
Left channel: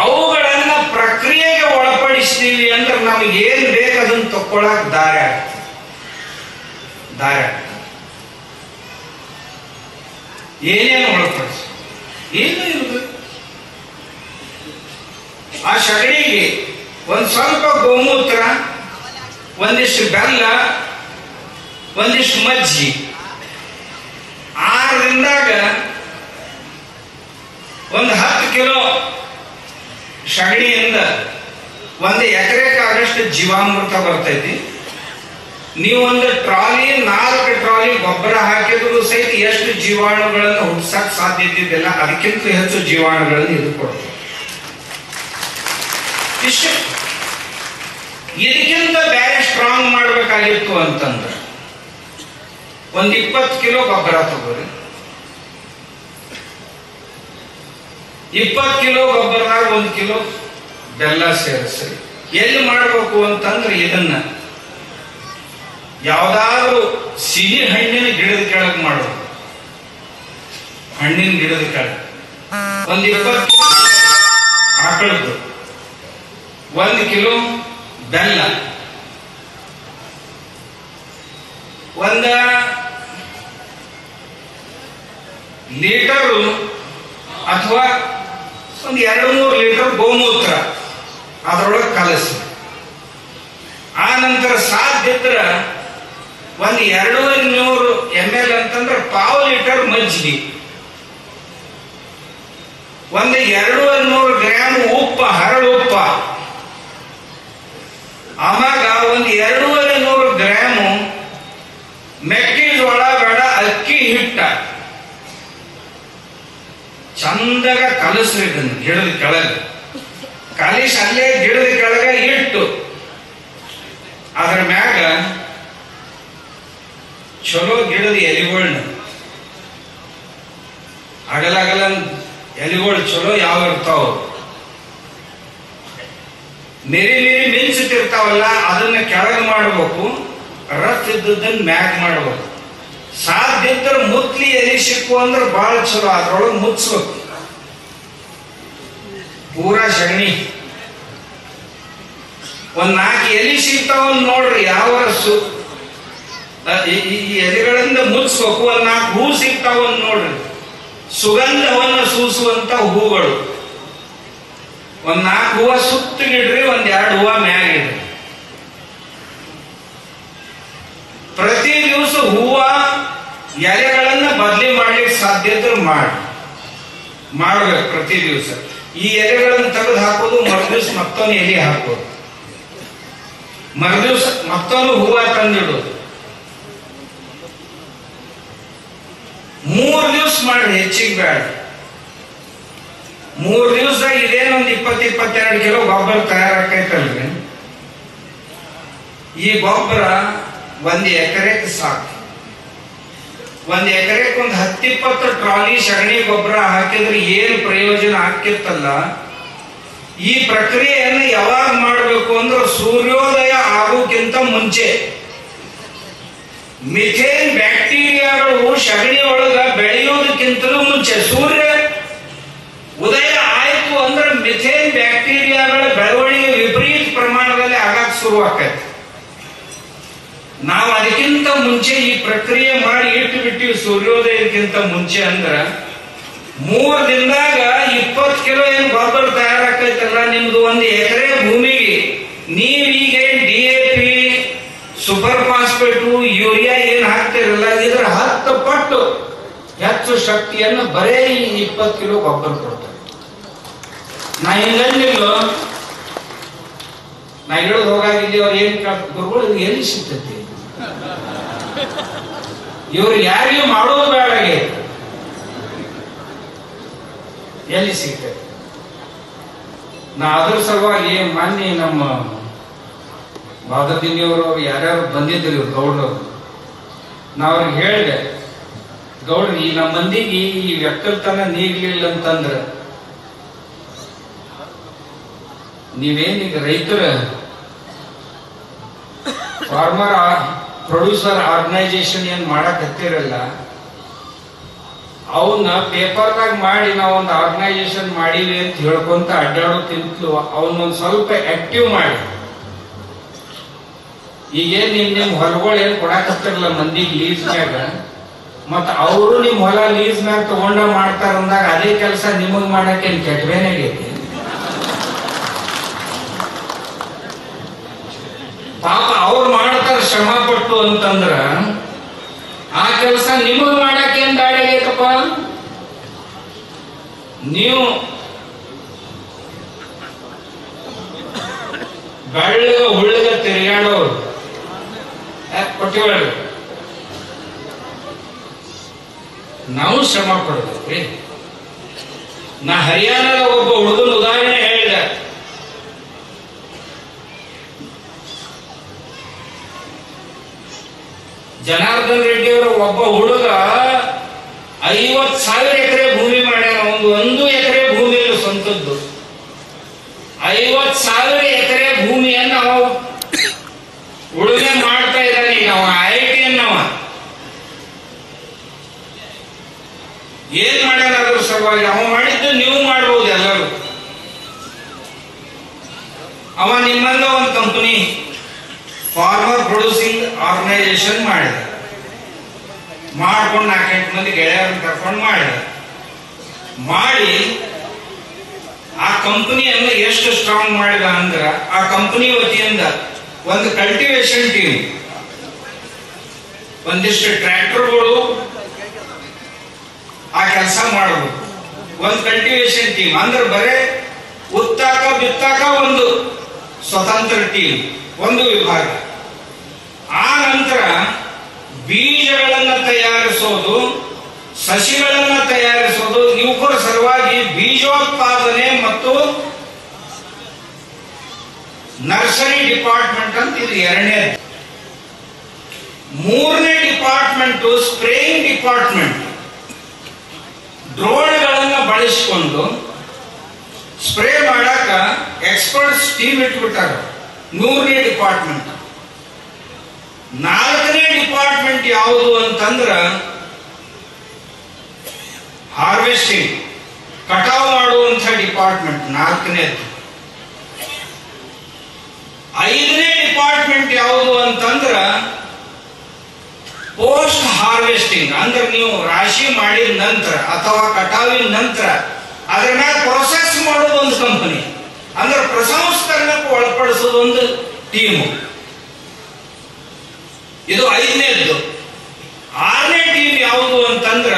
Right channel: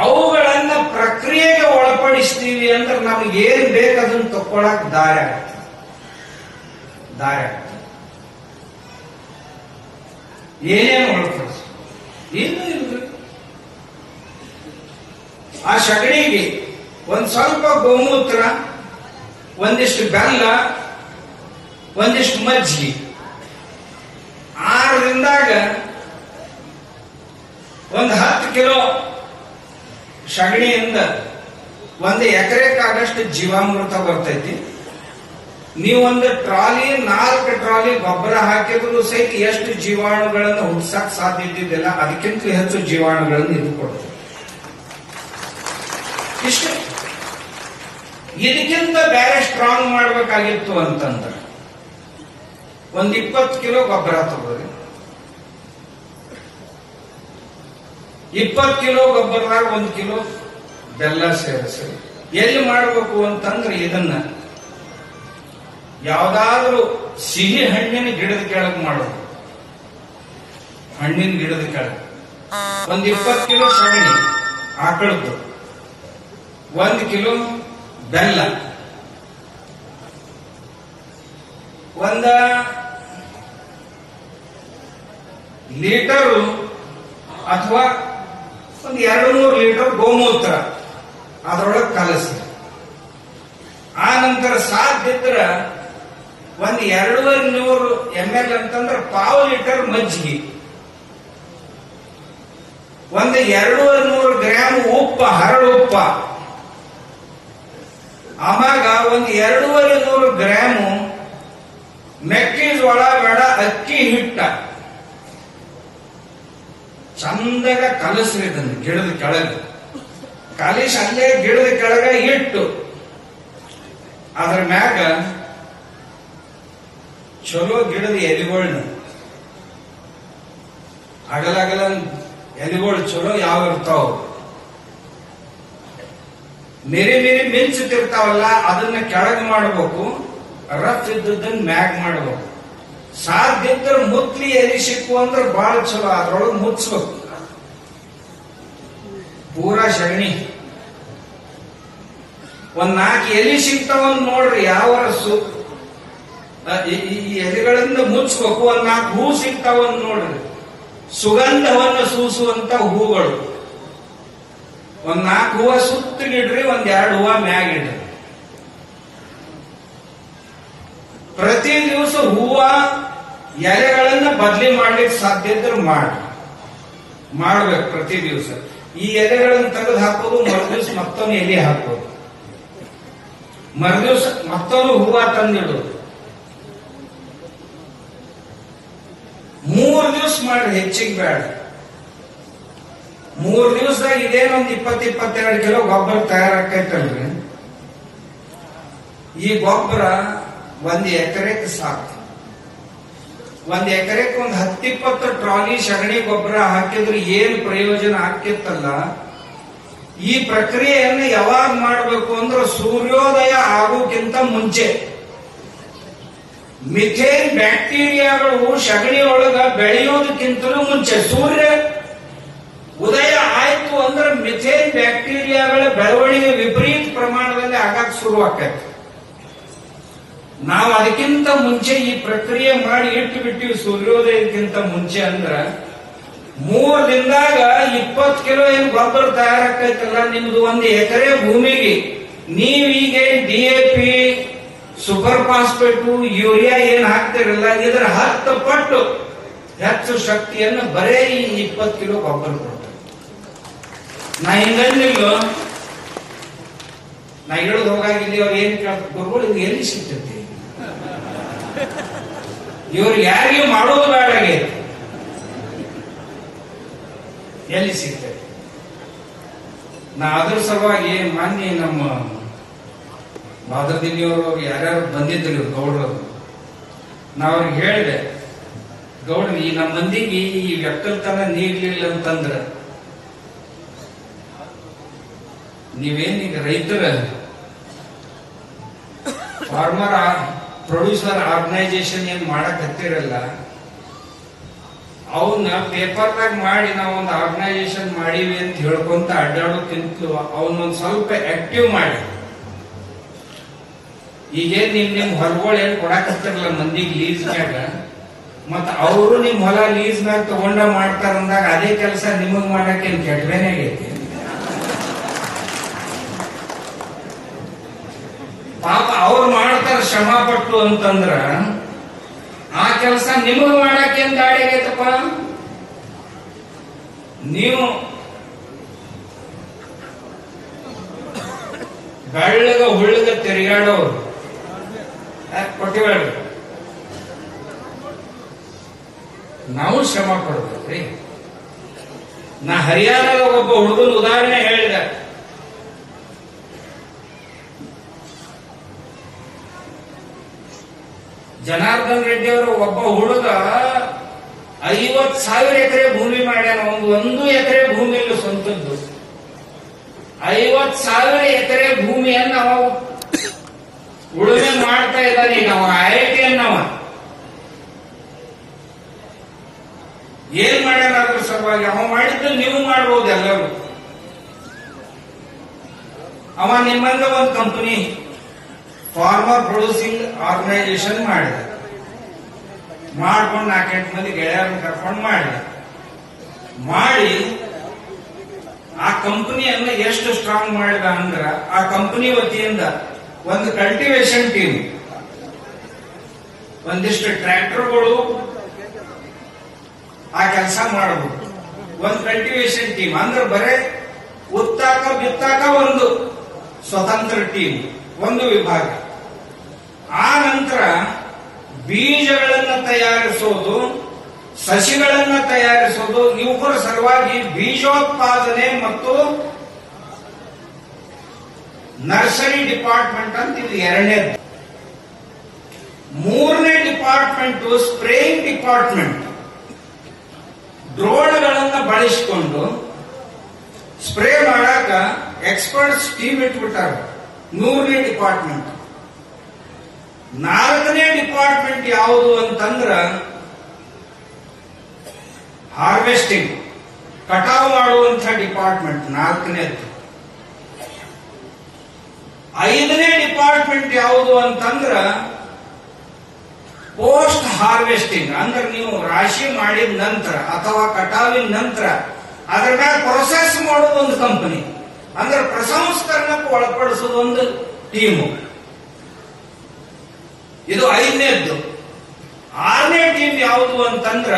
ಅವುಗಳನ್ನ ಪ್ರಕ್ರಿಯೆಗೆ ಒಳಪಡಿಸ್ತೀವಿ ಅಂದ್ರೆ ನಮಗೇನ್ ಬೇಕು ಅದನ್ನ ತಕ್ಕೊಳಕ್ ದಾರಿ ಆಗ್ತದೆ. ಏನೇನು ಒಳಪಡಿಸಿ ಏನು ಇರ್ಬೇಕು. ಆ ಸಗಣಿಗೆ ಒಂದ್ ಸ್ವಲ್ಪ ಗೋಮೂತ್ರ, ಒಂದಿಷ್ಟು ಬೆಲ್ಲ, ಒಂದಿಷ್ಟು ಮಜ್ಜಿ, 6ರಿಂದಾಗ ಒಂದು 10 ಕಿಲೋ ಸಗಣಿಯಿಂದ 1 ಎಕರೆಗೆ ಆಗಷ್ಟು ಜೀವಾಮೃತ ಬರ್ತೈತಿ. ನೀವು ಒಂದು ಟ್ರಾಲಿ 4 ಟ್ರಾಲಿ ಗೊಬ್ಬರ ಹಾಕಿದ್ರು ಸಹಿತ ಎಷ್ಟು ಜೀವಾಣುಗಳನ್ನು ಹುಡ್ಸಕ್ ಸಾಧ್ಯತೆ ಇದೆಯಲ್ಲ, ಅದಕ್ಕಿಂತ ಹೆಚ್ಚು ಜೀವಾಣುಗಳನ್ನು ಇದು ಕೊಡ್ತದೆ. ಇಷ್ಟು. ಇದಕ್ಕಿಂತ ಬೇರೆ ಸ್ಟ್ರಾಂಗ್ ಮಾಡ್ಬೇಕಾಗಿತ್ತು ಅಂತಂದ್ರೆ ಒಂದು 20 ಕಿಲೋ ಗೊಬ್ಬರ ತಗೋರಿ. 20 ಕಿಲೋ ಗೊಬ್ಬರದಾಗ 1 ಕಿಲೋ ಬೆಲ್ಲ ಸೇರಿಸಿ ಎಲ್ಲಿ ಮಾಡಬೇಕು ಅಂತಂದ್ರೆ ಇದನ್ನ ಯಾವ್ದಾದ್ರು ಸಿಹಿ ಹಣ್ಣಿನ ಗಿಡದ ಕೆಳಗೆ ಮಾಡೋದು. ಹಣ್ಣಿನ ಗಿಡದ ಕೆಳಗೆ ಒಂದು 20 ಕಿಲೋ ಆಕಳದ್ದು, 1 ಕಿಲೋ ಬೆಲ್ಲ, 1 ಲೀಟರು ಅಥವಾ ಒಂದು 2-3 ಲೀಟರ್ ಗೋಮೂತ್ರ ಅದರೊಳಗೆ ಕಲಸಿ. ಆ ನಂತರ ಸಾಧ್ಯದ್ರ ಒಂದು 200 ml ಅಂತಂದ್ರೆ 1/2 ಲೀಟರ್ ಮಜ್ಜಿಗೆ, ಒಂದು 200 ಗ್ರಾಮ್ ಉಪ್ಪ, ಹರಳು ಉಪ್ಪ, ಆವಾಗ ಒಂದು 200 ಗ್ರಾಮು ಮೆಕ್ಕೆಜೋಳ ಬೇಡ ಅಕ್ಕಿ ಹಿಟ್ಟ ಚಂದಾಗ ಕಲಸ್ರಿ. ಗಿಡದ ಕೆಳಗೆ ಕಲಿಸಿ ಅಲ್ಲೇ ಗಿಡದ ಕೆಳಗೆ ಇಟ್ಟು ಅದರ ಮ್ಯಾಗ ಚಲೋ ಗಿಡದ ಎಲೆಗಳನ್ನ, ಅಗಲಗಲ ಎಲೆಗಳು ಚಲೋ ಯಾವ ಇರ್ತಾವ, ಮೇರಿ ಮಿಂಚಿರ್ತಾವಲ್ಲ, ಅದನ್ನ ಕೆಳಗೆ ಮಾಡಬೇಕು. ರಫ್ ಇದ್ದದನ್ನ ಮ್ಯಾಗ್ ಮಾಡಬೇಕು. ಸಾಧ್ಯ ಇದ್ರೆ ಮುತ್ಲಿ ಎಲೆ ಸಿಕ್ಕು ಅಂದ್ರೆ ಬಹಳ ಚಲೋ, ಅದ್ರೊಳಗೆ ಮುಚ್ಚಬೇಕು. ಪೂರಾ ಸಗಣಿ ಒಂದ್ 4 ಎಲೆ ಸಿಗ್ತಾವ ನೋಡ್ರಿ, ಯಾವ ಈ ಎಲೆಗಳಿಂದ ಮುಚ್ಚಬೇಕು. ಒಂದ್ 4 ಹೂ ಸಿಗ್ತಾವ ನೋಡ್ರಿ, ಸುಗಂಧವನ್ನು ಸೂಸುವಂತ ಹೂಗಳು. ಒಂದ್ 4 ಹೂವ ಸುತ್ತಲಿಡ್ರಿ, 1-2 ಹೂವ ಮ್ಯಾಗಿಡ್ರಿ. ಪ್ರತಿ ದಿವಸ ಹೂವ ಎಲೆಗಳನ್ನ ಬದಲಿ ಮಾಡ್ಲಿಕ್ಕೆ ಸಾಧ್ಯ ಇದ್ರೆ ಮಾಡ್ಬೇಕು. ಪ್ರತಿ ದಿವಸ ಈ ಎಲೆಗಳನ್ನು ತೆಗೆದು ಹಾಕೋದು, ಮರುದಿವ್ಸ ಮತ್ತೊಂದು ಎಲೆ ಹಾಕೋದು, ಮರುದಿವ್ಸ ಮತ್ತೊಂದು ಹೂವ ತಂದಿಡೋದು. 3 ದಿವಸ ಮಾಡ್ರಿ, ಹೆಚ್ಚಿಗೆ ಬೇಡ. 3 ದಿವಸದಾಗ ಇದೇನೊಂದು 20-22 ಕಿಲೋ ಗೊಬ್ಬರ ತಯಾರಾಕೈತಲ್ರಿ. ಈ ಗೊಬ್ಬರ 1 ಎಕರೆಗೆ ಸಾಕು. 1 ಎಕರೆಗೆ ಒಂದು 10-20 ಟ್ರಾಲಿ ಸಗಣಿ ಗೊಬ್ಬರ ಹಾಕಿದ್ರೆ ಏನು ಪ್ರಯೋಜನ ಆಕ್ಕಿತ್ತಲ್ಲ. ಈ ಪ್ರಕ್ರಿಯೆಯನ್ನು ಯಾವಾಗ ಮಾಡಬೇಕು ಅಂದ್ರೆ ಸೂರ್ಯೋದಯ ಆಗೋಕ್ಕಿಂತ ಮುಂಚೆ. ಮಿಥೇನ್ ಬ್ಯಾಕ್ಟೀರಿಯಾಗಳು ಸಗಣಿ ಒಳಗ ಬೆಳೆಯೋದಕ್ಕಿಂತಲೂ ಮುಂಚೆ ಸೂರ್ಯ ಉದಯ ಆಯ್ತು ಅಂದ್ರೆ ಮಿಥೇನ್ ಬ್ಯಾಕ್ಟೀರಿಯಾಗಳ ಬೆಳವಣಿಗೆ ವಿಪರೀತ ಪ್ರಮಾಣದಲ್ಲಿ ಆಗಾಕ ಶುರುವಾಕೈತಿ. ನಾವು ಅದಕ್ಕಿಂತ ಮುಂಚೆ ಈ ಪ್ರಕ್ರಿಯೆ ಮಾಡಿ ಇಟ್ಟು ಬಿಟ್ಟಿವಿ. ಸೂರ್ಯೋದಯಕ್ಕಿಂತ ಮುಂಚೆ ಅಂದ್ರ 3 ದಿನದಾಗ 20 ಕಿಲೋ ಏನ್ ಗೊಬ್ಬರ ತಯಾರಾಕೈತಲ್ಲ, ನಿಮ್ದು 1 ಎಕರೆ ಭೂಮಿಗೆ ನೀವು ಈಗ DAP, ಸೂಪರ್ ಫಾಸ್ಫೇಟು, ಯೂರಿಯಾ ಏನ್ ಹಾಕ್ತಿರಲ್ಲ, ಇದರ 10 ಪಟ್ಟು ಹೆಚ್ಚು ಶಕ್ತಿಯನ್ನು ಬರೇ ಈ 20 ಕಿಲೋ ಗೊಬ್ಬರ ಕೊಡ್ತಾರೆ. ನಾ ಹಿಂಗಂದಿಲ್ಲ, ನಾ ಹೇಳೋದು ಹೋಗಾಗಿದ್ದೆ. ಅವ್ರು ಏನ್ ಗುರುಗಳು ಇದು ಎಲ್ಲಿ ಸಿಗ್ತೈತಿ, ಇವ್ರು ಯಾರಿಗೂ ಮಾಡೋದು ಬೇಡಾಗೆ ಎಲ್ಲಿ ಸಿಗ್ತೈತಿ. ನಾ ಅದ್ರ ಸಲುವಾಗಿ ಮಾನ್ಯ ನಮ್ಮ ಬಾದರ್ದಿಂದಿಯವರು ಯಾರ್ಯಾರು ಬಂದಿದ್ರು ಇವ್ರು ಗೌಡ್ರವ್ರು, ನಾ ಅವ್ರಿಗೆ ಹೇಳಿದೆ, ಗೌಡ್ರಿ ಈ ನಮ್ಮ ಮಂದಿಗೆ ಈ ವ್ಯಕ್ತತನ ನೀಗ್ಲಿಲ್ಲ ಅಂತಂದ್ರ ನೀವೇನೀಗ ರೈತರ ಫಾರ್ಮರ್ ಪ್ರೊಡ್ಯೂಸರ್ ಆರ್ಗನೈಸೇಷನ್ ಏನ್ ಮಾಡಕ್ ಹತ್ತಿರಲ್ಲ, ಅವನ್ನ ಪೇಪರ್ನಾಗ ಮಾಡಿ ನಾವೊಂದು ಆರ್ಗನೈಸೇಷನ್ ಮಾಡೀವಿ ಅಂತ ಹೇಳ್ಕೊಂತ ಅಡ್ಡಾಡೋಕ್ಕಿಂತಲೂ ಅವನ್ನೊಂದು ಸ್ವಲ್ಪ ಆಕ್ಟಿವ್ ಮಾಡಿ. ಈಗೇನ್ ನಿಮ್ ಹೊಲಗಳು ಏನ್ ಕೊಡಾಕತ್ತಿರಲ್ಲ ಮಂದಿಗೆ ಲೀಸ್ ಮ್ಯಾಗ, ಮತ್ತ ಅವರು ನಿಮ್ ಹೊಲ ಲೀಸ್ ಮ್ಯಾಗ ತಗೊಂಡ ಮಾಡ್ತಾರ ಅಂದಾಗ ಅದೇ ಕೆಲಸ ನಿಮಗ್ ಮಾಡಕ್ಕೆ ಕೆಟ್ಟವೇನಾಗೈತಿ. ಪಾಪ ಅವ್ರು ಮಾಡ್ತಾರ ಶ್ರಮ ಪಟ್ಟು ಅಂತಂದ್ರ ಆ ಕೆಲಸ ನಿಮಗ್ ಮಾಡಕ್ಕೆ ಏನ್ ದಾಡಿಗೈತಪ್ಪ. ನೀವು ಬೆಳ್ಳಗ ಹುಳ್ಳಗ ತಿರುಗಾಡೋರು ಕೊಟ್ಟಿವಳ್ರಿ, ನಾವು ಶ್ರಮ ಪಡ್ಬೇಕ್ರಿ. ನಾ ಹರಿಯಾಣದ ಒಬ್ಬ ಹುಡುಗನ ಉದಾಹರಣೆ ಹೇಳಿದೆ. ಜನಾರ್ದನ್ ರೆಡ್ಡಿ ಅವರ ಒಬ್ಬ ಹುಡುಗ 50,000 ಎಕರೆ ಭೂಮಿ ಮಾಡ್ಯಾನ. ಒಂದು ಎಕರೆ ಭೂಮಿ ಇಲ್ಲ ಸ್ವಂತದ್ದು. 50,000 ಎಕರೆ ಭೂಮಿಯನ್ನು ಅವ ಉಳುಮೆ ಮಾಡ್ತಾ ಇದ್ದಾನೆ. ಈಗ ಅವ IIT ಅನ್ನವ ಏನ್ ಮಾಡ್ಯಾನ ಅದ್ರ ಸಲುವಾಗಿ ಅವ ಮಾಡಿದ್ದು ನೀವು ಮಾಡಬಹುದು ಎಲ್ಲರೂ. ಅವ ನಿಮ್ಮಲ್ಲ ಒಂದು ಕಂಪನಿ ಫಾರ್ಮರ್ ಪ್ರೊಡ್ಯೂಸಿಂಗ್ ಆರ್ಗನೈಸೇಷನ್ ಮಾಡಿದ, ಮಾಡ್ಕೊಂಡು 4-8 ಮಂದಿ ಗೆಳೆಯರನ್ನು ಕರ್ಕೊಂಡು ಮಾಡಿ ಆ ಕಂಪನಿಯನ್ನು ಎಷ್ಟು ಸ್ಟ್ರಾಂಗ್ ಮಾಡಿದ ಅಂದ್ರ, ಆ ಕಂಪನಿ ವತಿಯಿಂದ ಒಂದು ಕಲ್ಟಿವೇಶನ್ ಟೀಮ್, ಒಂದಿಷ್ಟು ಟ್ರ್ಯಾಕ್ಟರ್ಗಳು ಆ ಕೆಲಸ ಮಾಡಬಹುದು. ಒಂದು ಕಲ್ಟಿವೇಶನ್ ಟೀಮ್ ಅಂದ್ರೆ ಬರೇ ಉತ್ತಾಕ ಬಿತ್ತಾಕ ಒಂದು ಸ್ವತಂತ್ರ ಟೀಮ್, ಒಂದು ವಿಭಾಗ. ಆ ನಂತರ ಬೀಜಗಳನ್ನು ತಯಾರಿಸೋದು, ಸಸಿಗಳನ್ನು ತಯಾರಿಸೋದು, ಇವುಗಳ ಸಲುವಾಗಿ ಬೀಜೋತ್ಪಾದನೆ ಮತ್ತು ನರ್ಸರಿ ಡಿಪಾರ್ಟ್ಮೆಂಟ್ ಅಂತ ಇದು 2ನೇ. 3ನೇ ಡಿಪಾರ್ಟ್ಮೆಂಟ್ ಸ್ಪ್ರೇಯಿಂಗ್ ಡಿಪಾರ್ಟ್ಮೆಂಟ್. ಡ್ರೋನ್ಗಳನ್ನು ಬಳಸಿಕೊಂಡು ಸ್ಪ್ರೇ ಮಾಡಾಕ ಎಕ್ಸ್ಪರ್ಟ್ಸ್ ಟೀಮ್ ಇಟ್ಬಿಟ್ಟಾರ. 3ನೇ ಡಿಪಾರ್ಟ್ಮೆಂಟ್. 4ನೇ ಡಿಪಾರ್ಟ್ಮೆಂಟ್ ಯಾವುದು ಅಂತಂದ್ರ ಹಾರ್ವೆಸ್ಟಿಂಗ್, ಕಟಾವು ಮಾಡುವಂತ ಡಿಪಾರ್ಟ್ಮೆಂಟ್ 4ನೇದು. 5ನೇ ಡಿಪಾರ್ಟ್ಮೆಂಟ್ ಯಾವುದು ಅಂತಂದ್ರ ಪೋಸ್ಟ್ ಹಾರ್ವೆಸ್ಟಿಂಗ್, ಅಂದ್ರೆ ನೀವು ರಾಶಿ ಮಾಡಿದ ನಂತರ ಅಥವಾ ಕಟಾವಿನ ನಂತರ ಅದರ ಮೇಲೆ ಪ್ರೊಸೆಸ್ ಮಾಡೋದು ಒಂದು ಕಂಪನಿ, ಅಂದ್ರೆ ಪ್ರಸಂಸ್ಕರಣಕ್ಕೆ ಒಳಪಡಿಸೋದು ಒಂದು ಟೀಮು. ಇದು 5ನೇದ್ದು. 6ನೇ ಟೀಮ್ ಯಾವುದು ಅಂತಂದ್ರ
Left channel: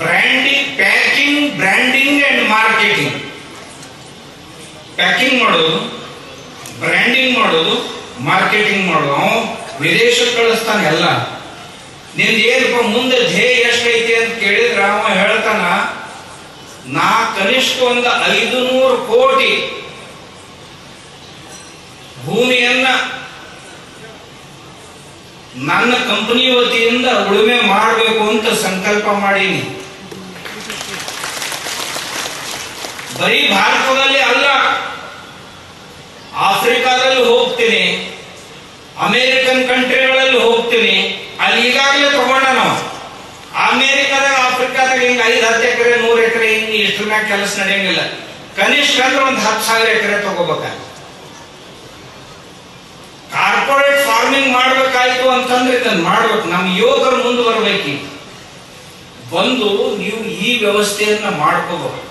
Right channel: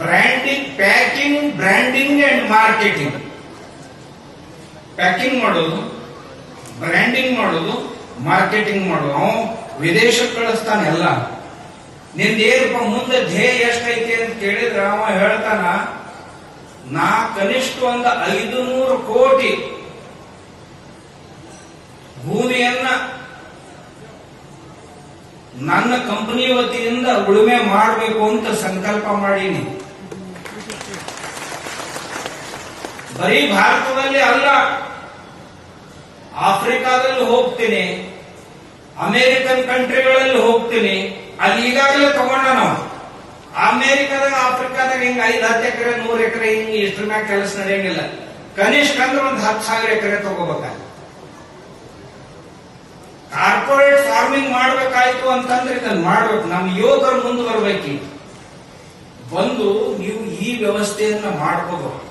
packing, branding and marketing. Packing ಮಾಡೋದು, ಬ್ರ್ಯಾಂಡಿಂಗ್ ಮಾಡೋದು, ಮಾರ್ಕೆಟಿಂಗ್ ಮಾಡೋದು. ಅವನು ವಿದೇಶಕ್ಕೆ ಕಳಿಸ್ತಾನೆ ಎಲ್ಲ. ನಿಮ್ದು ಏನಪ್ಪ ಮುಂದೆ ಧ್ಯೇಯ ಎಷ್ಟೈತಿ ಅಂತ ಕೇಳಿದ್ರ ಅವ ಹೇಳ್ತಾನ, ನಾ ಕನಿಷ್ಠ ಒಂದು 500 ಕೋಟಿ ಭೂಮಿಯನ್ನ ನನ್ನ ಕಂಪನಿ ವತಿಯಿಂದ ಉಳುಮೆ ಮಾಡಬೇಕು ಅಂತ ಸಂಕಲ್ಪ ಮಾಡೀನಿ. ಬರೀ ಭಾರತದಲ್ಲಿ ಅಲ್ಲ, ಆಫ್ರಿಕಾದಲ್ಲಿ ಹೋಗ್ತೀನಿ, ಅಮೇರಿಕನ್ ಕಂಟ್ರಿಗಳಲ್ಲಿ ಹೋಗ್ತೀನಿ. ಅಲ್ಲಿ ಈಗಾಗಲೇ ತಗೊಂಡ ನಾವು ಅಮೇರಿಕಾದಾಗ, ಆಫ್ರಿಕಾದಾಗ ಹಿಂಗ 5-10 ಎಕರೆ 100 ಎಕರೆ ಹಿಂಗ ಇಷ್ಟ್ರ ಮ್ಯಾಗ ಕೆಲಸ ನಡೆಯಂಗಿಲ್ಲ. ಕನಿಷ್ಠ ಅಂದ್ರೆ ಒಂದು 10,000 ಎಕರೆ ತಗೋಬೇಕ. ಕಾರ್ಪೊರೇಟ್ ಫಾರ್ಮಿಂಗ್ ಮಾಡ್ಬೇಕಾಯ್ತು ಅಂತಂದ್ರೆ ಇದನ್ನ ಮಾಡ್ಬೇಕು. ನಮ್ಮ ಯುವಕರು ಮುಂದೆ ಬರ್ಬೇಕು. ಬಂದು ನೀವು ಈ ವ್ಯವಸ್ಥೆಯನ್ನ ಮಾಡ್ಕೋಬಹುದು.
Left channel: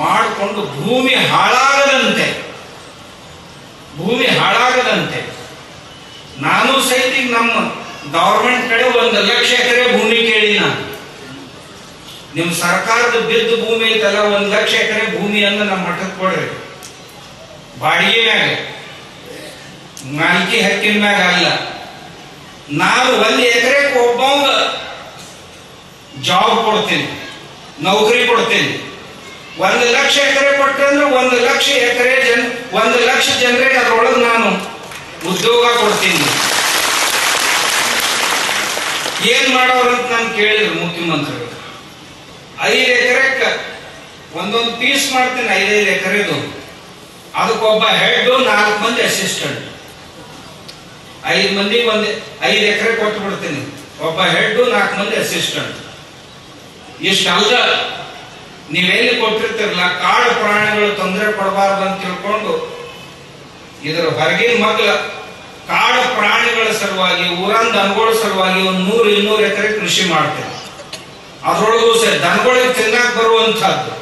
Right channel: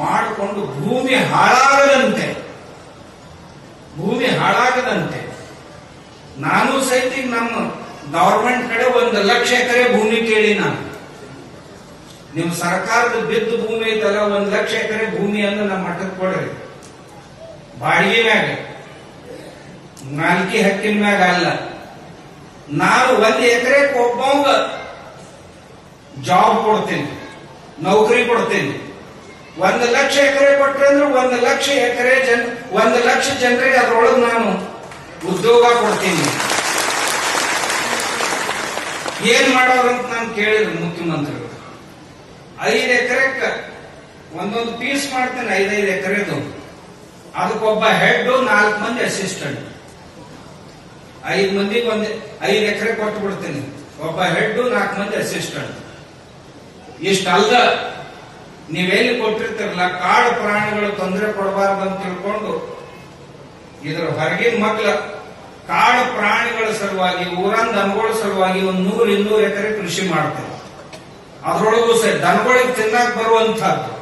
ಮಾಡಿಕೊಂಡು ಭೂಮಿ ಹಾಳಾಗದಂತೆ ನಾನು ಸಹಿತ ನಮ್ಮ ಗವರ್ಮೆಂಟ್ ಕಡೆ 1 ಲಕ್ಷ ಎಕರೆ ಭೂಮಿ ಕೇಳಿ ನಾನು. ನಿಮ್ ಸರ್ಕಾರದ ಬಿದ್ದ ಭೂಮಿ ಐತಲ್ಲ 1 ಲಕ್ಷ ಎಕರೆ ಭೂಮಿಯನ್ನ ನಮ್ಮ ಮಠಕ್ಕೆ ಕೊಡ್ರಿ. ಬಾಡಿಗೆ ಮ್ಯಾಗ, ಮಾಲಿಕೆ ಹಕ್ಕಿನ ಮ್ಯಾಗ ಅಲ್ಲ. ನಾನು 1 ಎಕರೆಗೆ ಒಬ್ಬಂಗ ಜಾಬ್ ಕೊಡ್ತೀನಿ, ನೌಕರಿ ಕೊಡ್ತೀನಿ. 1 ಲಕ್ಷ ಎಕರೆ ಕೊಟ್ಟರೆ ಅಂದ್ರೆ 1 ಲಕ್ಷ ಎಕರೆ 1 ಲಕ್ಷ ಜನರಿಗೆ ಅದರೊಳಗೆ ನಾನು ಉದ್ಯೋಗ ಕೊಡ್ತೀನಿ. ಏನ್ ಮಾಡೋರಂತ ನಾನು ಕೇಳಿದ್ರು ಮುಖ್ಯಮಂತ್ರಿಗಳು. 5 ಎಕರೆಕ್ಕೆ ಒಂದೊಂದು ಪೀಸ್ ಮಾಡ್ತೀನಿ, 5 ಎಕರೆದು. ಅದಕ್ಕೊಬ್ಬ ಹೆಡ್, 4 ಮಂದಿ ಅಸಿಸ್ಟೆಂಟ್. 5 ಮಂದಿಗೆ 5 ಎಕರೆ ಕೊಟ್ಟು ಬಿಡ್ತೀನಿ. ಒಬ್ಬ ಹೆಡ್, 4 ಮಂದಿ ಅಸಿಸ್ಟೆಂಟ್. ಇಷ್ಟಲ್ಲ, ನೀವೆಲ್ಲಿ ಕೊಟ್ಟಿರ್ತಿರಲ್ಲ, ಕಾಡು ಪ್ರಾಣಿಗಳು ತೊಂದರೆ ಕೊಡಬಾರ್ದು ಅಂತ ತಿಳ್ಕೊಂಡು ಇದರ ಹೊರಗಿನ ಮಕ್ಕಳ ಕಾಡು ಪ್ರಾಣಿಗಳ ಸಲುವಾಗಿ, ಊರನ್ ದನಗಳ ಸಲುವಾಗಿ 100-200 ಎಕರೆ ಕೃಷಿ ಮಾಡ್ತಾರೆ. ಅದ್ರೊಳಗೂ ಸಹ ದನಗಳಿಗೆ ತಿನ್ನಕ್ ಬರುವಂತಹದ್ದು,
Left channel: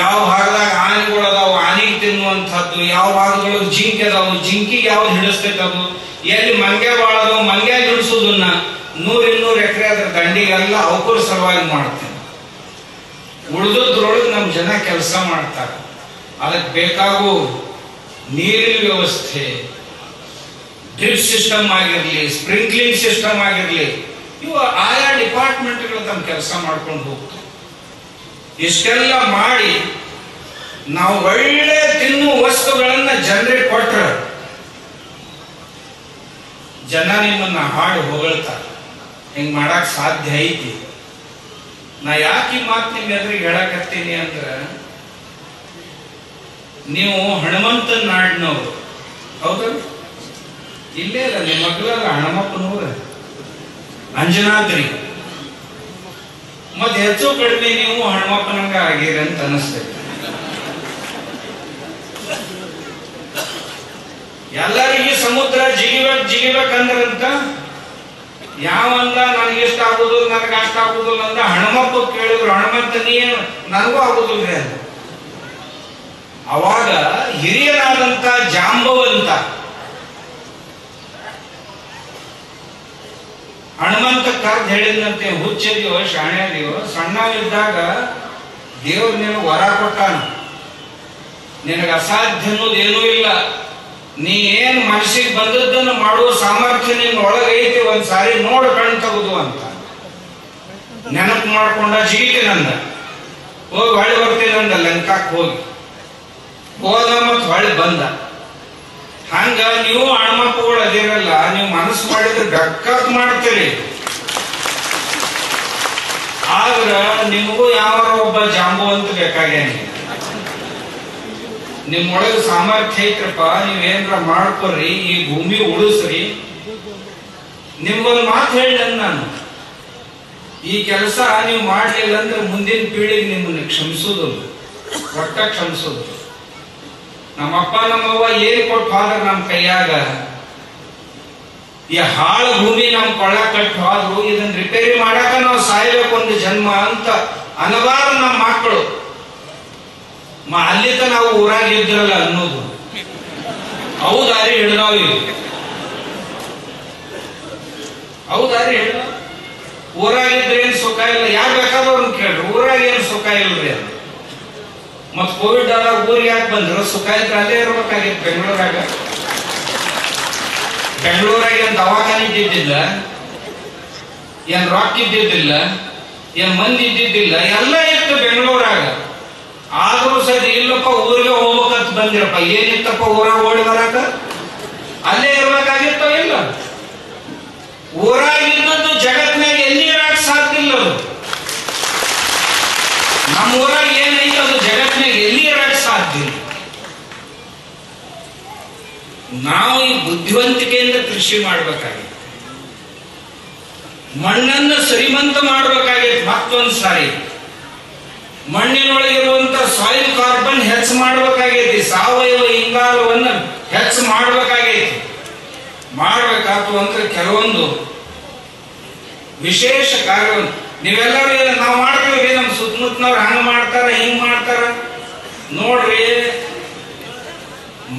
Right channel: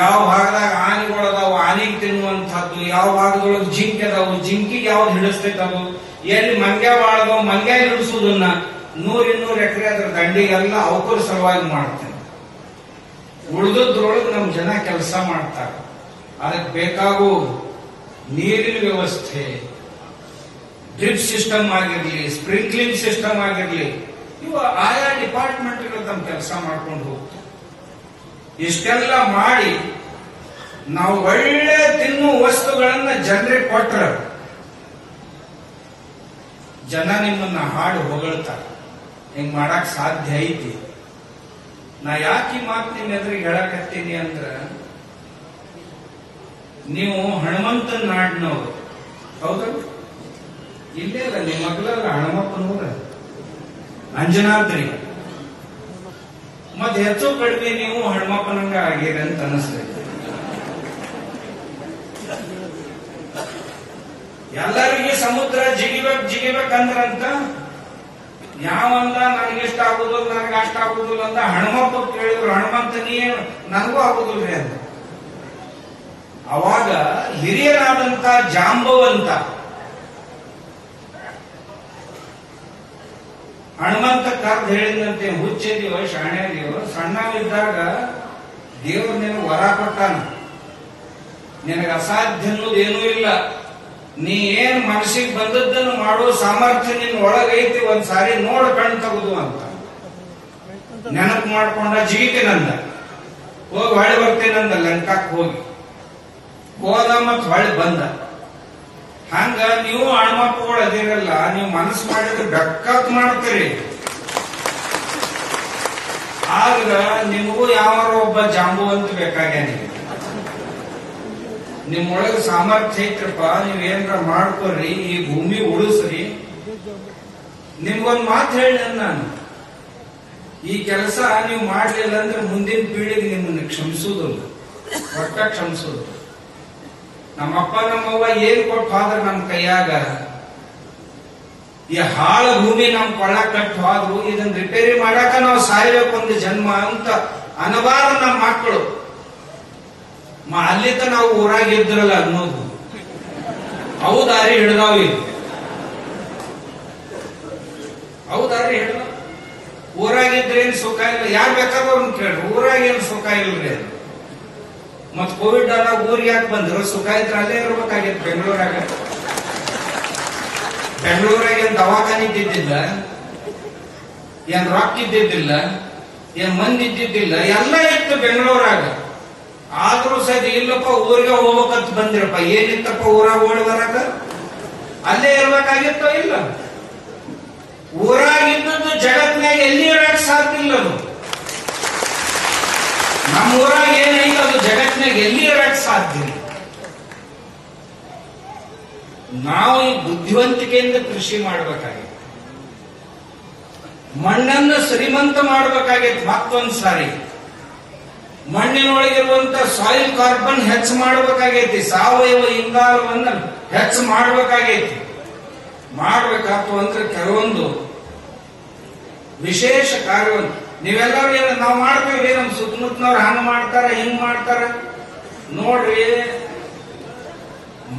ಯಾವ ಭಾಗದಾಗ ಆನೆಗಳು ಅದಾವು ಆನೆಗೆ ತಿನ್ನುವಂತಹದ್ದು, ಯಾವ ಭಾಗದೊಳಗೆ ಜಿಂಕೆ ಅದಾವು ಜಿಂಕಿಗೆ ಯಾವ್ದು ಹಿಡಿಸ್ಬೇಕದು, ಎಲ್ಲಿ ಮಂಗ್ಯ ಬಾಳದವು ಮಂಗ್ಯ ಹಿಡಿಸೋದನ್ನ 100-200 ಎಕರೆ ಅದ್ರ ದಂಡಿಗೆಲ್ಲ ಅವಕೂರ ಸಲುವಾಗಿ ಮಾಡ್ತೇನೆ. ಉಳಿದದ್ರೊಳಗೆ ನಮ್ಮ ಜನ ಕೆಲಸ ಮಾಡ್ತಾರೆ. ಅದಕ್ಕೆ ಬೇಕಾಗೋ ನೀರಿನ ವ್ಯವಸ್ಥೆ, ಡ್ರಿಪ್ ಸಿಸ್ಟಮ್ ಆಗಿರ್ಲಿ, ಸ್ಪ್ರಿಂಕ್ಲಿಂಗ್ ಸಿಸ್ಟಮ್ ಆಗಿರ್ಲಿ, ಇವು ಆಯಾ ಡಿಪಾರ್ಟ್ಮೆಂಟ್ಗಳು ತಮ್ಮ ಕೆಲಸ ಮಾಡ್ಕೊಂಡು ಹೋಗ್ತಾರೆ. ಇಷ್ಟೆಲ್ಲ ಮಾಡಿ ನಾವು ಒಳ್ಳೆ ತಿನ್ನುವ ವಸ್ತುಗಳನ್ನ ಜನರಿಗೆ ಕೊಟ್ರ ಜನ ನಿಮ್ಮನ್ನ ಹಾಡು ಹೊಗಳ್ತಾರೆ. ಹಿಂಗ್ ಮಾಡಕ್ ಸಾಧ್ಯ ಐತಿ. ನಾ ಯಾಕೆ ಈ ಮಾತು ನಿಮ್ಮ ಎದುರಿಗೆ ಹೇಳಕತ್ತೀನಿ ಅಂದ್ರ, ನೀವು ಹನುಮಂತನ ನಾಡಿನವರು ಹೌದು, ಇಲ್ಲೇ ಅಲ್ಲ ನಿಮ್ಮ ಮಗಳಲ್ಲ ಹನುಮಪ್ಪನವ್ರ ಅಂಜನಾದ್ರಿ. ಮತ್ತೆ ಹೆಚ್ಚು ಕಡಿಮೆ ನೀವು ಹನುಮಪ್ಪನಂಗ ಆಗಿರಿ ಅಂತ ಅನಿಸ್ತದೆ. ಎಲ್ಲರಿಗೆ ಸಮುದ್ರ ಜಿಗಿಬೇಕಂದ್ರಂತ ಯಾವಂದ ನನಗೆ ಇಷ್ಟ ಆಗುದಿಲ್ಲ, ನನಗೆ ಅಷ್ಟ ಆಗುದಿಲ್ಲ ಅಂತ ಹನುಮಪ್ಪ ಕೇಳಿದ್ರು. ಹನುಮಂತ ನೀ ನನಗೂ ಆಗುದಿಲ್ಲ ಅಂತ. ಅವಾಗ ಹಿರಿಯರಾದಂತ ಜಾಂಬವಂತ ಹನುಮಂತ ಕರ್ದು ಹೇಳಿದಂತೆ, ಹುಚ್ಚಿದೆಯೋ ಶಾಣ್ಯದೆಯೋ, ಸಣ್ಣವಿದ್ದಾಗ ದೇವ್ರು ನಿನಗೆ ವರ ಕೊಟ್ಟಾನ, ನಿನಗೆ ಅಸಾಧ್ಯ ಅನ್ನೋದೇನೂ ಇಲ್ಲ, ನೀ ಏನ್ ಮನಸ್ಸಿಗೆ ಬಂದದ್ದನ್ನು ಮಾಡುವ ಸಾಮರ್ಥ್ಯ ನಿನ್ನ ಒಳಗೈತಿ, ಒಂದ್ಸಾರಿ ನೋಡು ಕಣ್ ತಗುದು ಅಂತ ನೆನಪು ಮಾಡ್ಕೊಂಡ ಜಿಗಿತೀನಂದ. ಹೋಗಿ ಹೊಳೆ ಬರ್ತೀನಂದ, ಲಂಕಾಕ್ ಹೋದ ಮತ್ ಹೊಳೆ ಬಂದ. ಹಂಗ ನೀವು ಹನುಮಪ್ಪಗಳು ಅದಿರಲ್ಲ, ನೀವು ಮನಸ್ಸು ಮಾಡಿದ್ರೆ ಬೆಕ್ಕತ್ ಮಾಡ್ತೀರಿ. ಆದ್ರ ನಿಮಗೂ ಯಾವ ಒಬ್ಬ ಜಾಂಬುವಂತ ಬೇಕಾಗೇನಿ. ನಿಮ್ಮೊಳಗೆ ಸಾಮರ್ಥ್ಯ ಐತ್ರಪ್ಪ, ನೀವೇನ್ರ ಮಾಡ್ಕೊಡ್ರಿ, ಈ ಭೂಮಿ ಉಳಿಸ್ರಿ. ನಿಮ್ಗೊಂದು ಮಾತು ಹೇಳಿದ ನಾನು, ಈ ಕೆಲಸ ನೀವು ಮಾಡ್ಲಿಲ್ಲ ಅಂದ್ರೆ ಮುಂದಿನ ಪೀಳಿಗೆ ನಿಮ್ಮನ್ನ ಕ್ಷಮಿಸುವುದಿಲ್ಲ, ಒಟ್ಟ ಕ್ಷಮಿಸುದು. ನಮ್ಮಪ್ಪ ನಮ್ಮವ್ವ ಏನ್ ಕೊಟ್ಟು ಹೋದ್ರ ನಮ್ ಕೈಯಾಗ, ಈ ಹಾಳ ಭೂಮಿ ನಮ್ ಕೊಳ್ಳ ಕಟ್ಟು ಹೋದ್ರು ಇದನ್ನ ರಿಪೇರಿ ಮಾಡಾಕ ನಾವು ಸಾಯ್ಬೇಕು ಒಂದು ಜನ್ಮ ಅಂತ ಅನಬಾರ ನಮ್ಮ ಮಕ್ಕಳು. ಅಲ್ಲಿತ ನಾವು ಊರಾಗ ಇದ್ರಲ್ಲ ಅನ್ನೋದು ಅವು ದಾರಿ ಹಿಡ್ದಾವ್. ಇಲ್ಲಿ ಅವು ದಾರಿ ಹಿಡ್ದಾವ್. ಊರಾಗಿದ್ರೆ ಏನ್ ಸುಖ ಇಲ್ಲ, ಯಾರು ಬೇಕಾದವ್ರನ್ನ ಕೇಳ್ರಿ, ಊರಾಗ ಏನ್ ಸುಖ ಇಲ್ರಿ. ಮತ್ ಕೋವಿಡ್ ಆದಾಗ ಊರಿಗೆ ಯಾಕೆ ಬಂದ್ರು? ಸುಖ ಇದ್ರೆ ಅಲ್ಲೇ ಇರ್ಬೇಕಾಗಿತ್ತು. ಬೆಂಗಳೂರಾಗ ಏನ್ ದವಾಖಾನೆ ಇದ್ದಿದ್ದಿಲ್ಲ, ಏನ್ ರಾಕ್ ಇದ್ದಿದ್ದಿಲ್ಲ, ಏನ್ ಮಂದಿ ಇದ್ದಿದ್ದಿಲ್ಲ, ಎಲ್ಲ ಇತ್ತು ಬೆಂಗಳೂರಾಗ. ಆದ್ರೂ ಸರಿ ಇಲ್ಲಪ್ಪ ಊರಿಗೆ ಹೋಗ್ಬೇಕಂತ ಬಂದಿರಪ್ಪ, ಏನಿತ್ತಪ್ಪ ಊರಾಗ ಓಡಿ ಬರಾಕ? ಅಲ್ಲೇ ಇರ್ಬೇಕಾಗಿತ್ತೋ ಇಲ್ಲ? ಊರಾಗ ಇದ್ದದ್ದು ಜಗತ್ನಾಗ ಎಲ್ಲಿ ಇರಕ್ ಸಾಧ್ಯ ಇಲ್ಲ. ಅದು ನಮ್ಮ ಊರಾಗ ಏನೈತೆ ಅದು ಜಗತ್ನಾಗ ಎಲ್ಲಿ ಇರಕ್ ಸಾಧ್ಯ ಇಲ್ಲ. ನಾವು ಈ ಬುದ್ಧಿವಂತಿಕೆಯಿಂದ ಕೃಷಿ ಮಾಡ್ಬೇಕಾಗಿತ್ತು, ಮಣ್ಣನ್ನು ಶ್ರೀಮಂತ ಮಾಡ್ಬೇಕಾಗಿತ್ತು. ಮತ್ತೊಂದು ಸಾರಿ ಮಣ್ಣಿನೊಳಗಿರುವಂತ ಸಾಯಿಲ್ ಕಾರ್ಬನ್ ಹೆಚ್ಚು ಮಾಡಬೇಕಾಗೈತಿ, ಸಾವಯವ ಇಂಗಾಲವನ್ನು ಹೆಚ್ಚು ಮಾಡಬೇಕಾಗೈತಿ. ಮಾಡ್ಬೇಕಾತು ಅಂದ್ರೆ ಕೆಲವೊಂದು ವಿಶೇಷ ಕಾರ್ಯವನ್ನು ನೀವೆಲ್ಲರೂ ನಾವು ಮಾಡ್ತೀವಿ, ನಮ್ ಸುತ್ತಮುತ್ತನವ್ರು ಹಂಗ ಮಾಡ್ತಾರ ಹಿಂಗ್ ಮಾಡ್ತಾರ. ನೋಡ್ರಿ,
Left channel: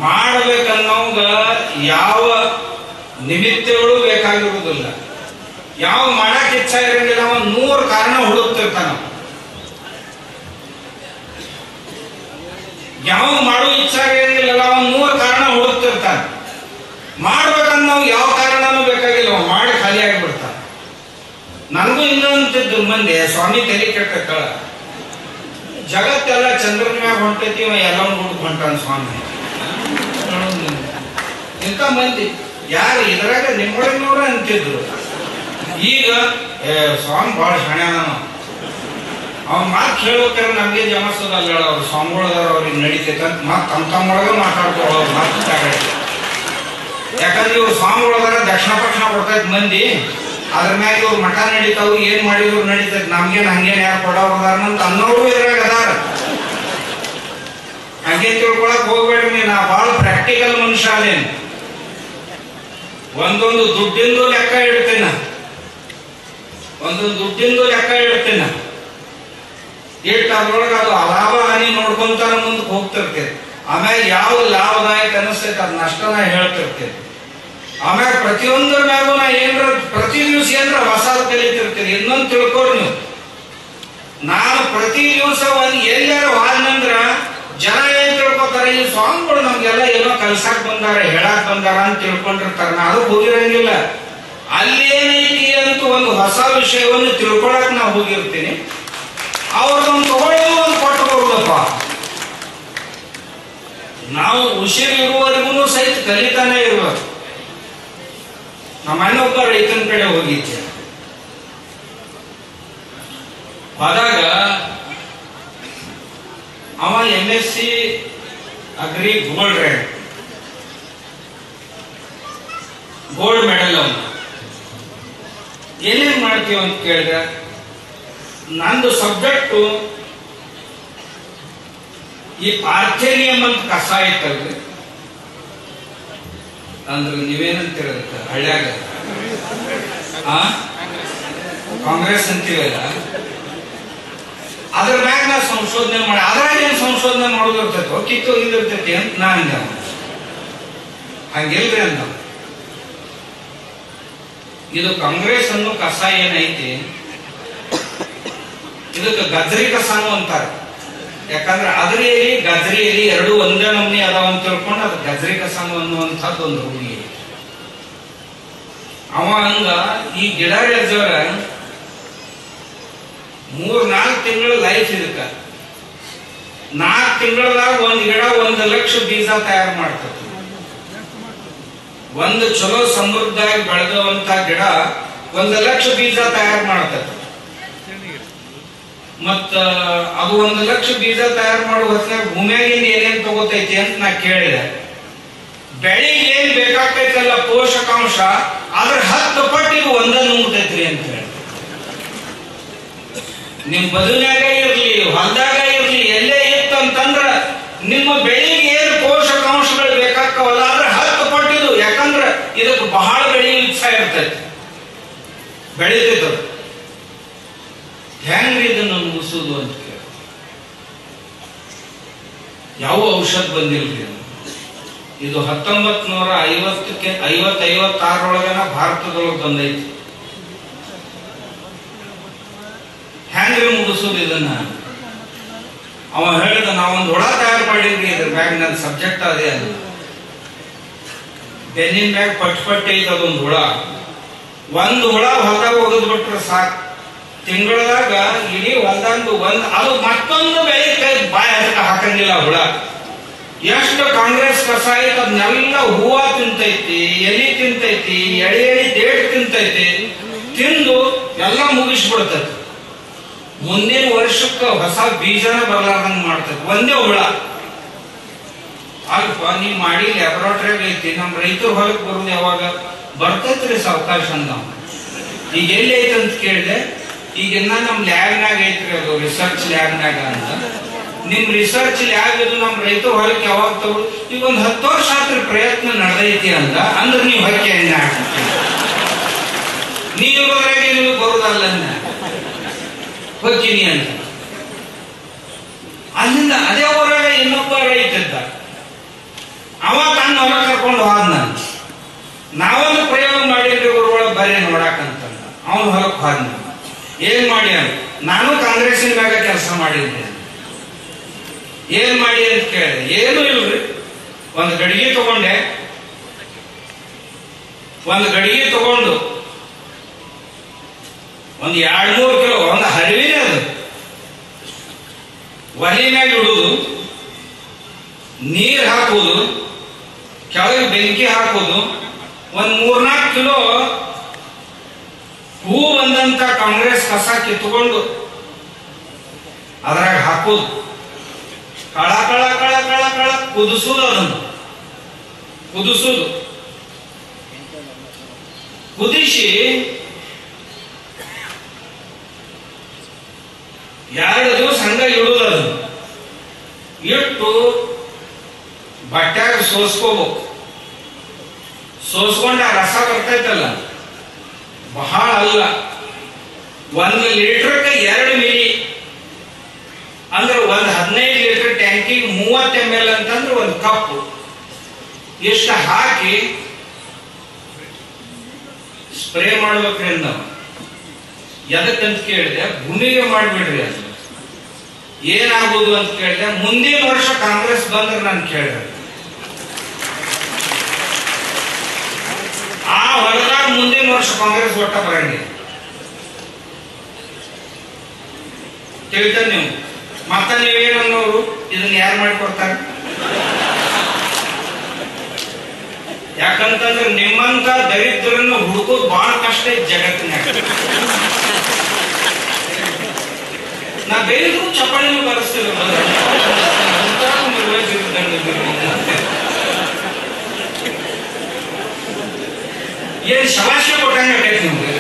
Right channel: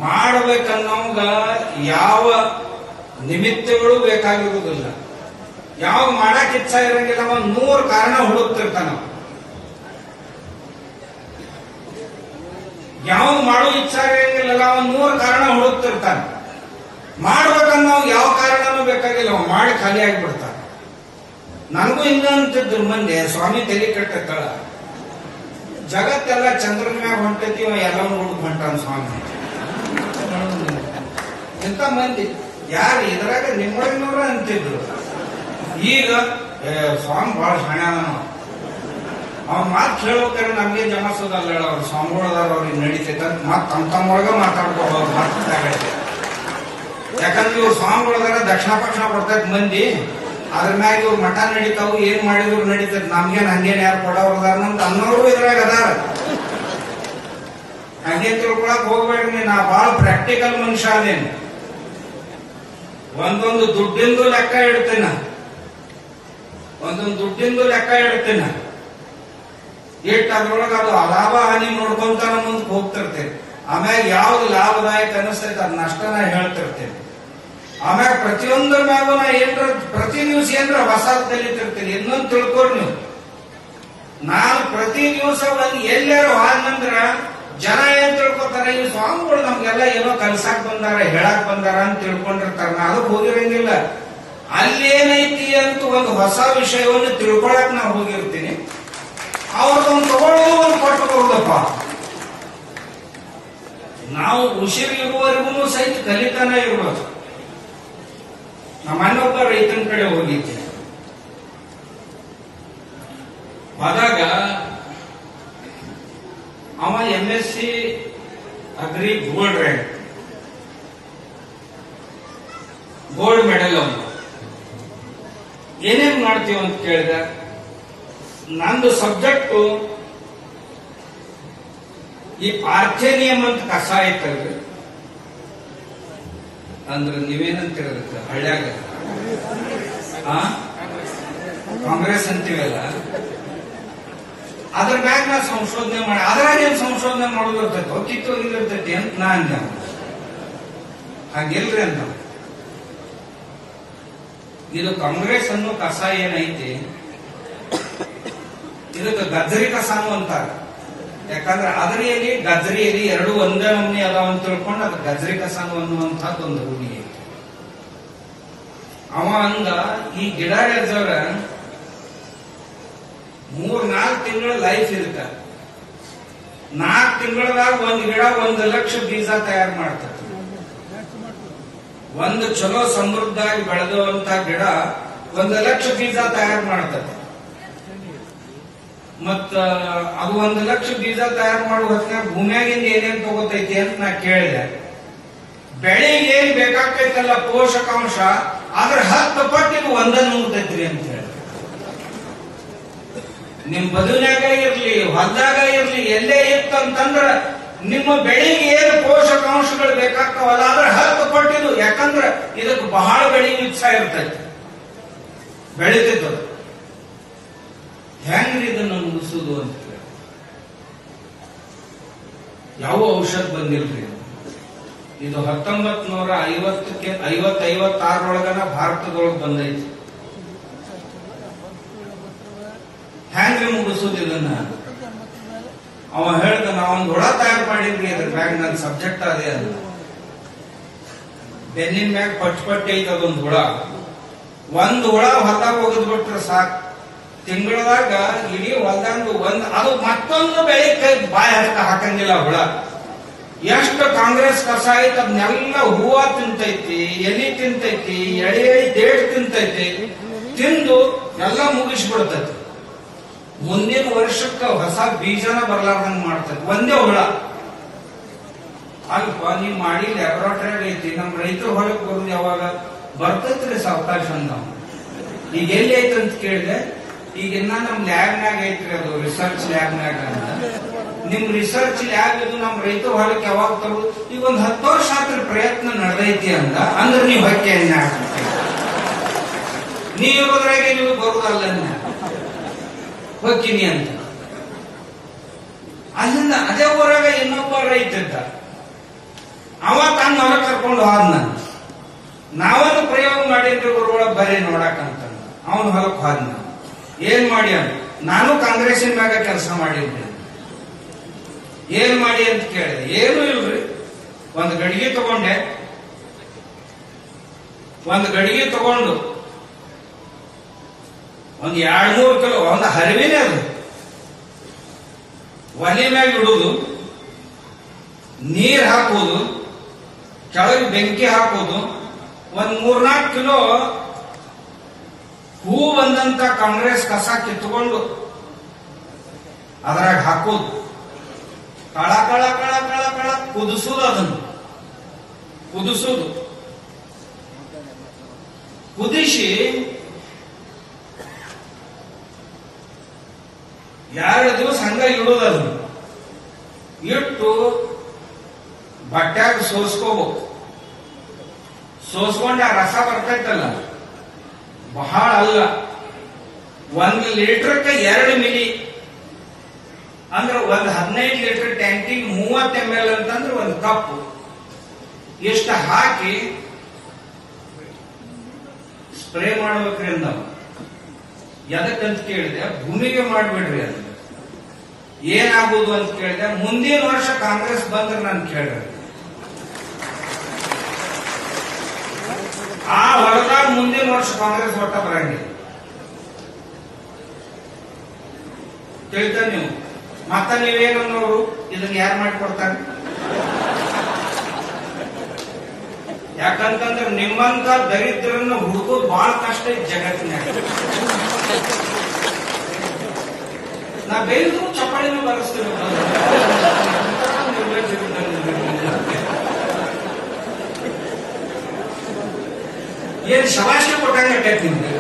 ಮಾಡ್ಬೇಕನ್ನೋಂಗ ಯಾವ ನಿಮಿತ್ತಗಳು ಬೇಕಾಗಿರುವುದಿಲ್ಲ. ಯಾವ ಮಾಡಕ್ ಇಚ್ಛಾ ಇರಂಗಿಲ್ಲ, ಅವ 100 ಕಾರಣ ಹುಡುಕ್ತಿರ್ತಾನ. ಯಾವ ಮಾಡೋ ಇಚ್ಛಾ ಇರಂಗಿಲ್ಲ, ಅವ 100 ಕಾರಣ ಹುಡುಕ್ತಿರ್ತಾನ. ಮಾಡ್ಬೇಕನ್ನೋ ಯಾವ ಕಾರಣನೂ ಬೇಕಾಗಿಲ್ಲ, ಅವ ಮಾಡಿ ಖಾಲಿ ಆಗಿಬಿಡ್ತಾನ. ನನಗೂ ಇನ್ನೊಂದಿದ್ದು ಮಂದಿ ಸ್ವಾಮಿ ತಲೆ ಕೆಟ್ಟ ಜಗತ್ತೆಲ್ಲ ಚಂದ್ರನ ಮ್ಯಾಗ ಹೊಂಟೈತಿ, ಎಲ್ಲ ಹುಡುಕ್ ಹೊಂಟಾನ ಸ್ವಾಮಿ. ಇಂಥ ಮಂದಿ ಯಾರು ಇದ್ರಾಗ ನಿಮ್ಮೂರಿನವ್ರ ಅಂತಿದ್ರು. ಈಗ ಸ್ವಾಮಿ ಬಹಳ ಹಣ್ಯಾನ, ಅವ್ನ ಮಾತು ಕೇಳೋಕೆ ನಮ್ಗೆ ಜಮಸದಲ್ಲ. ಅವ್ರು ಸ್ವಾಮಿಗಳದಾರ, ಅವ್ರಿಗೆ ನಡೀತೈತೆ ಅಂತ ಮತ್ ತಮ್ಮೊಳಗ ಮಾತಾಡ್ಕೊಳ್ಳೋರು ಮಾತು. ಯಾಕಂದ್ರೆ ಇವ್ರು ಸ್ವಾಮಿಗಳದಾರ, ದಕ್ಷಿಣ ಪಕ್ಷಣ ಕೊಡ್ತೈತ್ ಮಂದಿ, ಅದ್ರ ಮ್ಯಾಗ ಇವ್ರು ಮಠ ನಡೀತಾವು, ಏನ್ ಮಾಡಿದ್ರು ನಡೀತೈತಿ, ನಮ್ಗೇನ್ ಹಂಗೇನ್ ಯಾರು ಕೊಡೋರ್ದಾರ ಅಂತ ಅನ್ನೋರು ಇದ್ರಾಗ ಅದಾರ. ಹಂಗೆ ತಿಳ್ಕೊಳಕ್ ಹೋಗ್ಬೇಡ್ರಿ, ನಾ ಬಹಳ ಪ್ರಾಕ್ಟಿಕಲ್ ಮನುಷ್ಯ ಅದೇನು. ಒಂದೊಂದು ದುಡ್ಡಿಂದು ಲೆಕ್ಕ ಇಡ್ತೇನ, ಒಂದೊಂದು ದುಡ್ಡಿಂದು ಲೆಕ್ಕ ಇಡ್ತೇನ. ಇಟ್ಟು ಅದ್ರೊಳಗೆ ಅದು ಲಾಭ ಹಾನಿ ನೋಡ್ಕೊಂತಾನ ಮುಂದಕ್ಕೆ ಹೋಗ್ತಿರ್ತೇನೆ. ಆಮೇಲೆ ಯಾವ್ದು ಲಾಭದಾಯಕ ಅನಿಸ್ತೈತೆ ಅದ್ ನಷ್ಟನ ಹೇಳ್ತಿರ್ತೇನೆ. ಆಮ್ಯಾಗ ಪ್ರತಿಯೊಂದರ ಮ್ಯಾಗೂ ನಾ ಏನ್ರ ಪ್ರತಿ ದಿವಸ ಏನ್ರ ಹೊಸ ಕಲಿತಿರ್ತೀನಿ. ಇನ್ನೊಂದು ತಿಳ್ಕೊರಿ ನೀವು, ನಾನು ಪ್ರತಿ ದಿವಸ ಒಂದ್ ಎಲ್ಲಾರು ಹಾಲ್ನಂದ್ರ ಜನ ಏನ್ ತಿಳ್ಕೊತಾರೆ, ಈ ಸ್ವಾಮಿಗಳು ನಮ್ಗೆಲ್ಲ ಏನೋ ಕಲ್ಸಾಕ್ ಬಂದಾರ, ಹೇಳಾಕ್ ಬಂದಾರ ಅಂತ ತಿಳ್ಕೊಂಡಿರ್ತಾರ. ನಾನು ಹೋಗಿರಂಗಿಲ್ಲ. ಅಲ್ಲಿ ಏನೈತಿ ಅಂತ ಒಂದು ಹೊಸ ವಿಷಯವನ್ನು ತಿಳ್ಕೊಳಕ್ ನಾ ಹೋಗಿರ್ತೀನಿ. ಅವ್ರದೊಂದು ತಗೊಳ್ಳೋದು ಒಂದು ಕೊಟ್ಟು ಬರುದಪ್ಪ. ನಾವು ಉಸಿರು ಇರುವವರೆಗೂ ಸಹಿತ ಕಲಿತಾನೆ ಇರ್ಬೇಕು. ನಮ್ಮ ಅಣ್ಣೊಬ್ಬ ರೈತನ ಕಡೆ ಹೋಗಿದ್ದೆ. ಹೋದಾಗ ಅವ MSc ಅಗ್ರಿ ಗೋಲ್ಡ್ ಮೆಡಲ್ ಅವನು. ಏನೇನ್ ಮಾಡ್ತೀವ ಅಂತ ಕೇಳಿದ್ರೆ, ನಂದು ಸಬ್ಜೆಕ್ಟು ಈ ಆರ್ಥೇನಿಯಂ ಅಂತ ಕಸ ಐತಲ್ರಿ, ಅಂದ್ರೆ ನೀವೇನಂತಿರೋದಕ್ಕೆ ಹಳ್ಳ್ಯಾಗ ಕಾಂಗ್ರೆಸ್ ಅಂತೀವಲ್ಲ, ಅದ್ರ ಮ್ಯಾಗ ನಾ ಸಂಶೋಧನೆ ಮಾಡಿ ಅದ್ರಾಗೇನು ಸಂಶೋಧನೆ ಮಾಡೋದಿರ್ತೈತೆ, ಕಿತ್ತೋಗಿರ್ತೈತಿ ಅಂತ ನಾ ಅಂದ. ಹಂಗಿಲ್ರಿ ಅಂತ. ಇದು ಕಾಂಗ್ರೆಸ್ ಅನ್ನೋ ಕಸ ಏನೈತಿ, ಇದಕ್ಕೆ ಗಜ್ರಿ ಕಸಾನು ಅಂತಾರೆ. ಯಾಕಂದ್ರೆ ಅದ್ರಿ ಎಲಿ ಗಜ್ರಿ ಎಲಿ ಎರಡು ಒಂದೇ ನಮ್ನಿ ಅದಾವ ಅಂತ ತಿಳ್ಕೊಂಡು ಅದು ಗಜ್ರಿ ಕಸಾನು ಅನ್ನುವಂಥದ್ದು ಒಂದು ರೂಢಿ ಐತಿ. ಅವ ಹಂಗ ಈ ಗಿಡ ಎಜ್ಜವ್ರ 3-4 ತಿಂಗಳ ಲೈಫ್ ಇದಕ್ಕ. 4 ತಿಂಗಳದಾಗ ಒಂದ್ ಗಿಡ 1 ಲಕ್ಷ ಬೀಜ ತಯಾರು ಮಾಡ್ತದೆ. ಒಂದು ಚಲೋ ಸಮೃದ್ಧವಾಗಿ ಬೆಳೆದುವಂತ ಗಿಡ 1 ಲಕ್ಷ ಬೀಜ ತಯಾರು ಮಾಡ್ತದೆ. ಮತ್ತ ಅದು 1 ಲಕ್ಷ ಬೀಜ ತಯಾರು ಮಾಡುವ ಹೊತ್ತಿನಾಗ ಭೂಮಿಯಾಗಿಂದ ಏನೇನ್ ತಗೋತೈತಿ ಅಂತ ನಾ ಕೇಳಿದೆ. ಬೆಳೆಗೆ ಏನ್ ಬೇಕಾಗ್ತೈತಲ್ಲ ಪೋಷಕಾಂಶ, ಅದ್ರ 10 ಪಟ್ಟು ಇದು ಒಂದ ನುಂಗ್ತೈತ್ರಿ ಅಂತ ಹೇಳಿ. ನಿಮ್ ಬದುನ್ಯಾಗ ಇರ್ಲಿ, ಹೊಲದಾಗ ಇರ್ಲಿ, ಎಲ್ಲೇ ಇತ್ತು ಅಂತಂದ್ರ ನಿಮ್ಮ ಬೆಳೆಗೆ ಏನು ಪೋಷಕಾಂಶಗಳು ಬೇಕಾಗ್ತಾವಲ್ಲ ಅದ್ರ 10 ಪಟ್ಟು ಇದು. ಯಾಕಂದ್ರ ಇದಕ್ಕೆ ಬಹಳ ಬೆಳೆ ಇಚ್ಛಾ ಇರ್ತೈತಿ, ಬೆಳೀತೈತ. ಹೆಂಗ್ರಿ ಇದನ್ನು ಮುಗಿಸುದು ಅಂತ ಕೇಳಿ. ಯಾವ ಔಷಧ ಬಂದಿಲ್ರಿ. ಇದು 1950-56 ಭಾರತದೊಳಗೆ ಬಂದೈತಿ. ಹೆಂಗ್ರಿ ಮುಗಿಸುದು ಇದನ್ನ? ಅವ ಹೇಳಿದ, ನಾವೊಂದು ಹುಳ ತಯಾರು ಮಾಡಿದ್ರಿ, ಇದ್ರ ಮ್ಯಾಗ ನನ್ನ ಸಬ್ಜೆಕ್ಟ್ ಅದೇ ಅಲ್ಲ. ಬೆನ್ನಿನ ಮ್ಯಾಗ ಪಟ್ಟಿ ಐತೆ ಅದೊಂದು ಹುಳ. ಒಂದು ಹುಳ ಹೊಲದಾಗ ಒಗದ್ ಬಿಟ್ರೆ ಸಾಕು, ತಿಂಗಳದಾಗ ಇಡೀ ಹೊಲದಂದು ಅದು ಮತ್ತೊಂದು ಬೆಳೆ ಬಾಯಿ ಹಾಕಂಗಿಲ್ಲ ಹುಳ. ಎಷ್ಟು ಕಾಂಗ್ರೆಸ್ ಕಸ ಐತೆ ಅದನ್ನೆಲ್ಲ ಹೂವ ತಿಂತೈತಿ, ಎಲಿ ತಿಂತೈತಿ, ಎಳಿ ಡೇಟ್ ತಿಂತೈತಿ, ತಿಂದು ಎಲ್ಲ ಮುಗಿಸ್ಬಿಡ್ತೈತಿ. ಮುಂದಿನ ವರ್ಷಕ್ಕೆ ಹೊಸ ಬೀಜನ ಬರ್ಲಾರ್ದಂಗ ಮಾಡ್ತೈತಿ ಒಂದೇ ಹುಳ. ಅಲ್ಪ ನೀವ್ ಮಾಡಿ ಲ್ಯಾಬೊರೇಟರಿಯಾಗ ಐತಿ, ನಮ್ ರೈತರ ಹೊಲಕ್ಕೆ ಬರುದು ಯಾವಾಗ ಬರ್ತೈತ್ರಿ ಸಾವಕಾಶ ಅಂದ. ಈಗ ಎಲ್ಲಿ ಐತಿ ಅಂತ ಕೇಳಿದೆ. ಈಗಿನ್ನ ನಮ್ ಲ್ಯಾಬ್ನಾಗ ಐತ್ರಿ, ಅದು ರಿಸರ್ಚ್ ಲ್ಯಾಬ್ನಾಗ ಅಂತ. ನಿಮ್ ರಿಸರ್ಚ್ ಲ್ಯಾಬ್ ಇದು ನಮ್ ರೈತರ ಹೊಲಕ್ಕೆ ಯಾವಾಗ ತಗೊಳ್ಳೋದು? ಈಗ ಒಂದ್ 10 ವರ್ಷ ಆತ್ರ ಪ್ರಯತ್ನ ನಡೆದೈತಿ ಅಂದ್ರೆ ನೀವು ಹೊರಕೆ ಎಣ್ಣೆ ಹಾಕ್ತೀರಿ. ನೀರೋದ್ರಾಗೆ ನೀವು ಬರುದಲ್ಲ. ಹೋಗ್ತೀನಿ ಅಂತ. ಅಲ್ಲಿಂದ ಅದೇ ಊರಾಗ ಇನ್ನೊಬ್ಬ ರೈತ ಇದ್ದ, ಅವ ತನ್ನ ಹೊಲ ಕರ್ಕೊಂಡು ಹೋದ. ನಾವೊಂದು ಪ್ರಯೋಗ ಮಾಡಿದ್ವಿ ಊರೊಳಗೆ ಬರೀ ನೋಡಾಕಂತ. ಅವನು ಹೊಲಕ್ಕೆ ಹೋದ. ಏನ್ ಮಾಡಿ ಅಂತ, ನಾನು ಕಾಂಗ್ರೆಸ್ಸಿನ ಮ್ಯಾಗ ಕೆಲಸ ಮಾಡಿದ್ದೆ. ಏನ್ ಮಾಡಿ ಅಂತ ಕೇಳಿದೆ. ಏನು ಇಲ್ರಿ, ಒಂದು ಗಡಿಗೆ ತಗೊಂಡೆ. ಒಂದು ಗಡಿಗೆ ತಗೊಂಡು ಒಂದು 2-3 ಕಿಲೋ, ಒಂದು ಹರಿವಿನೇ ಅದು, ಒಲೆ ಮ್ಯಾಗ ಇಡುವುದು, ನೀರು ಹಾಕುವುದು, ಕೆಳಗೆ ಬೆಂಕಿ ಹಾಕುವುದು, ಒಂದು 3-4 ಕಿಲೋ ಹೂ ಬಂದಂತ ಕಾಂಗ್ರೆಸ್ ಕಸ ಕಿತ್ಕೊಂಡು ಅದ್ರಾಗ ಹಾಕುದು, ಕಳ ಕಳ ಕಳ ಕಳ ಕಳ ಕುದಿಸುದು, ಅದನ್ನು ಕುದಿಸುದು. ಕುದಿಸಿ 2 ದಿವಸ ಹಂಗ ಇಡುವುದು. ಅದನ್ನು ಇಟ್ಟು ಬಟ್ಟ್ಯಾಗ ಸೋಸ್ಕೋಬೇಕು. ಸೋಸ್ಕೊಂಡ ಆ ರಸ ಬರ್ತೈತಲ್ಲ, ಬಹಳ ಅಲ್ಲ, 1 ಲೀಟರ್ಗೆ 2 ಮಿಲಿ ಅಂದ್ರೆ ಒಂದು 15 ಲೀಟರ್ ಟ್ಯಾಂಕಿಗೆ 30 ml ಅಂತಂದ್ರೆ 1 ಕಪ್ ಇಷ್ಟು ಹಾಕಿ ಸ್ಪ್ರೇ ಮಾಡ್ಬೇಕ್ರಿ. ನಾವು ಎದಕ್ಕಂತ ಕೇಳಿದೆ, ಭೂಮಿಗೆ ಮಾಡ್ಬಿಡ್ರಿ. ಅದು ಏನಾಗುದು ಅಂತ ಕೇಳಿದೆ. ಮುಂದಿನ ವರ್ಷ ಕಾಂಗ್ರೆಸ್ ಬಂದ್ರೆ ನಾನು ಕೇಳಿದೆ, ಆ ಹೊಲದಾಗ ಮುಂದಿನ ವರ್ಷ ಕಾಂಗ್ರೆಸ್ ಒಟ್ಟ ಬರಂಗಿಲ್ಲ. ತಿಳಿತ ನೀವು? ಮತ್ತ ನೀವೇನನ್ನೋರು, ಇದನ್ನ ಯಾರು ಮಾಡಿಕೊಡ್ತಾರೆ? ಯಾಕಂತಂದ್ರೆ ನಿಮ್ಮಂತ ದರಿದ್ರನ್ನು ಹುಡುಕೋದು ಬಹಳ ಕಷ್ಟ ಐತಿ ಜಗತ್ತಿನಾಗ. ನಾ ಬೇರೆದು ಚಪ್ಪಾಳಿನೂ ಬರೆಸ್ತೀವಿ. ಏನ್ ಶವಾಶಿ ಕೊಟ್ಟಂಗೆ ನಿಮ್ಗೆ.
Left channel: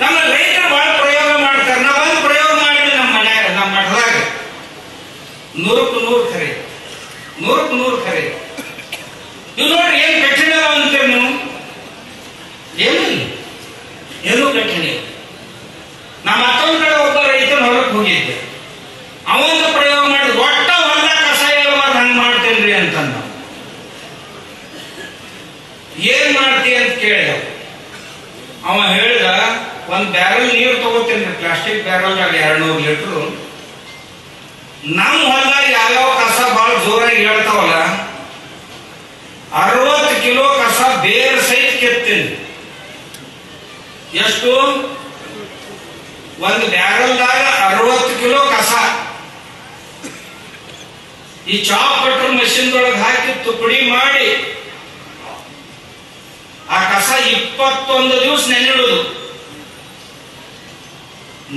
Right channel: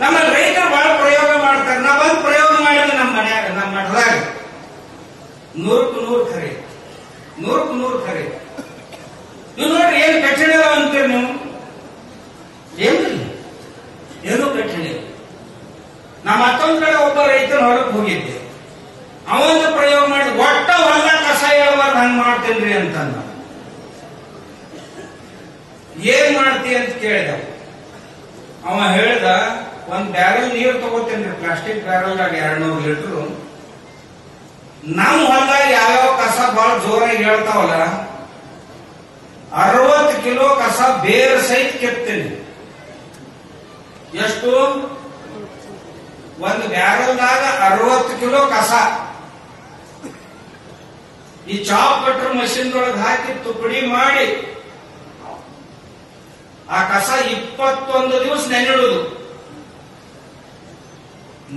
ನಮ್ಮ ರೈತರು ಬಹಳ ಪ್ರಯೋಗ ಮಾಡ್ತಾರೆ. ನಾವೊಂದು ಪ್ರಯೋಗ ಮಾಡಿದ್ವಿ ನಮ್ಮ ಮನೆಯಾಗ, ನಮ್ಮ ಮಠದಾಗ. 100ಕ್ಕೆ 100 ಖರೆ, 100ಕ್ಕೆ 100 ಖರೆ. ಇವ್ ನೋಡ್ರಿ, ಏನ್ ಕಠಿಣ ಅಂತೀರಿ ನೀವು? ಏನು ಕಠಿಣ. ನಾ ಮತ್ತೊಂದ್ ಕಡೆ ಒಬ್ಬ ರೈತನ ಹೊರಗೆ ಹೋಗಿದ್ದೆ. ಅವೊಂದು ಪ್ರಯೋಗ ಮಾಡಿ ಒಟ್ಟ ಹೊಲ ಕಸ ಹೇಳುವಾಗ ಹಂಗ್ ಮಾಡ್ತೇನ್ರಿ ಅಂತ. ಏನ್ ಮಾಡ್ತಿ ಅಂತ ಕೇಳಿದ. ಅವ ಹೇಳ್ದ, 1 ಬ್ಯಾರಲ್ ನೀರು ತಗೋತೇನ್ರಿ, ಪ್ಲಾಸ್ಟಿಕ್ ಬ್ಯಾರಲ್ದಾಗ 200 ಲೀಟರ್. ನಮ್ಮ ಹೊಲದಾಗ ಯಾವ್ಯಾವ ಕಸ ಬಹಳ ಜೋರಾಗಿ ಹೇಳ್ತಾವಲ್ಲ, 60 ಕಿಲೋ ಕಸ ಬೇರೆ ಸಹಿತ ಕೆತ್ತೇನೆ. ಎಷ್ಟು? 1 ಬ್ಯಾರಲ್ದಾಗ 60 ಕಿಲೋ ಕಸ. ಈ ಚಾಪ್ ಕಟ್ರ ಮಷಿನ್ ಒಳಗೆ ಹಾಕಿ ತುಪ್ಪಡಿ ಮಾಡಿ ಆ ಕಸ 21 ದಿವಸ ನೆನಿಡುವುದು.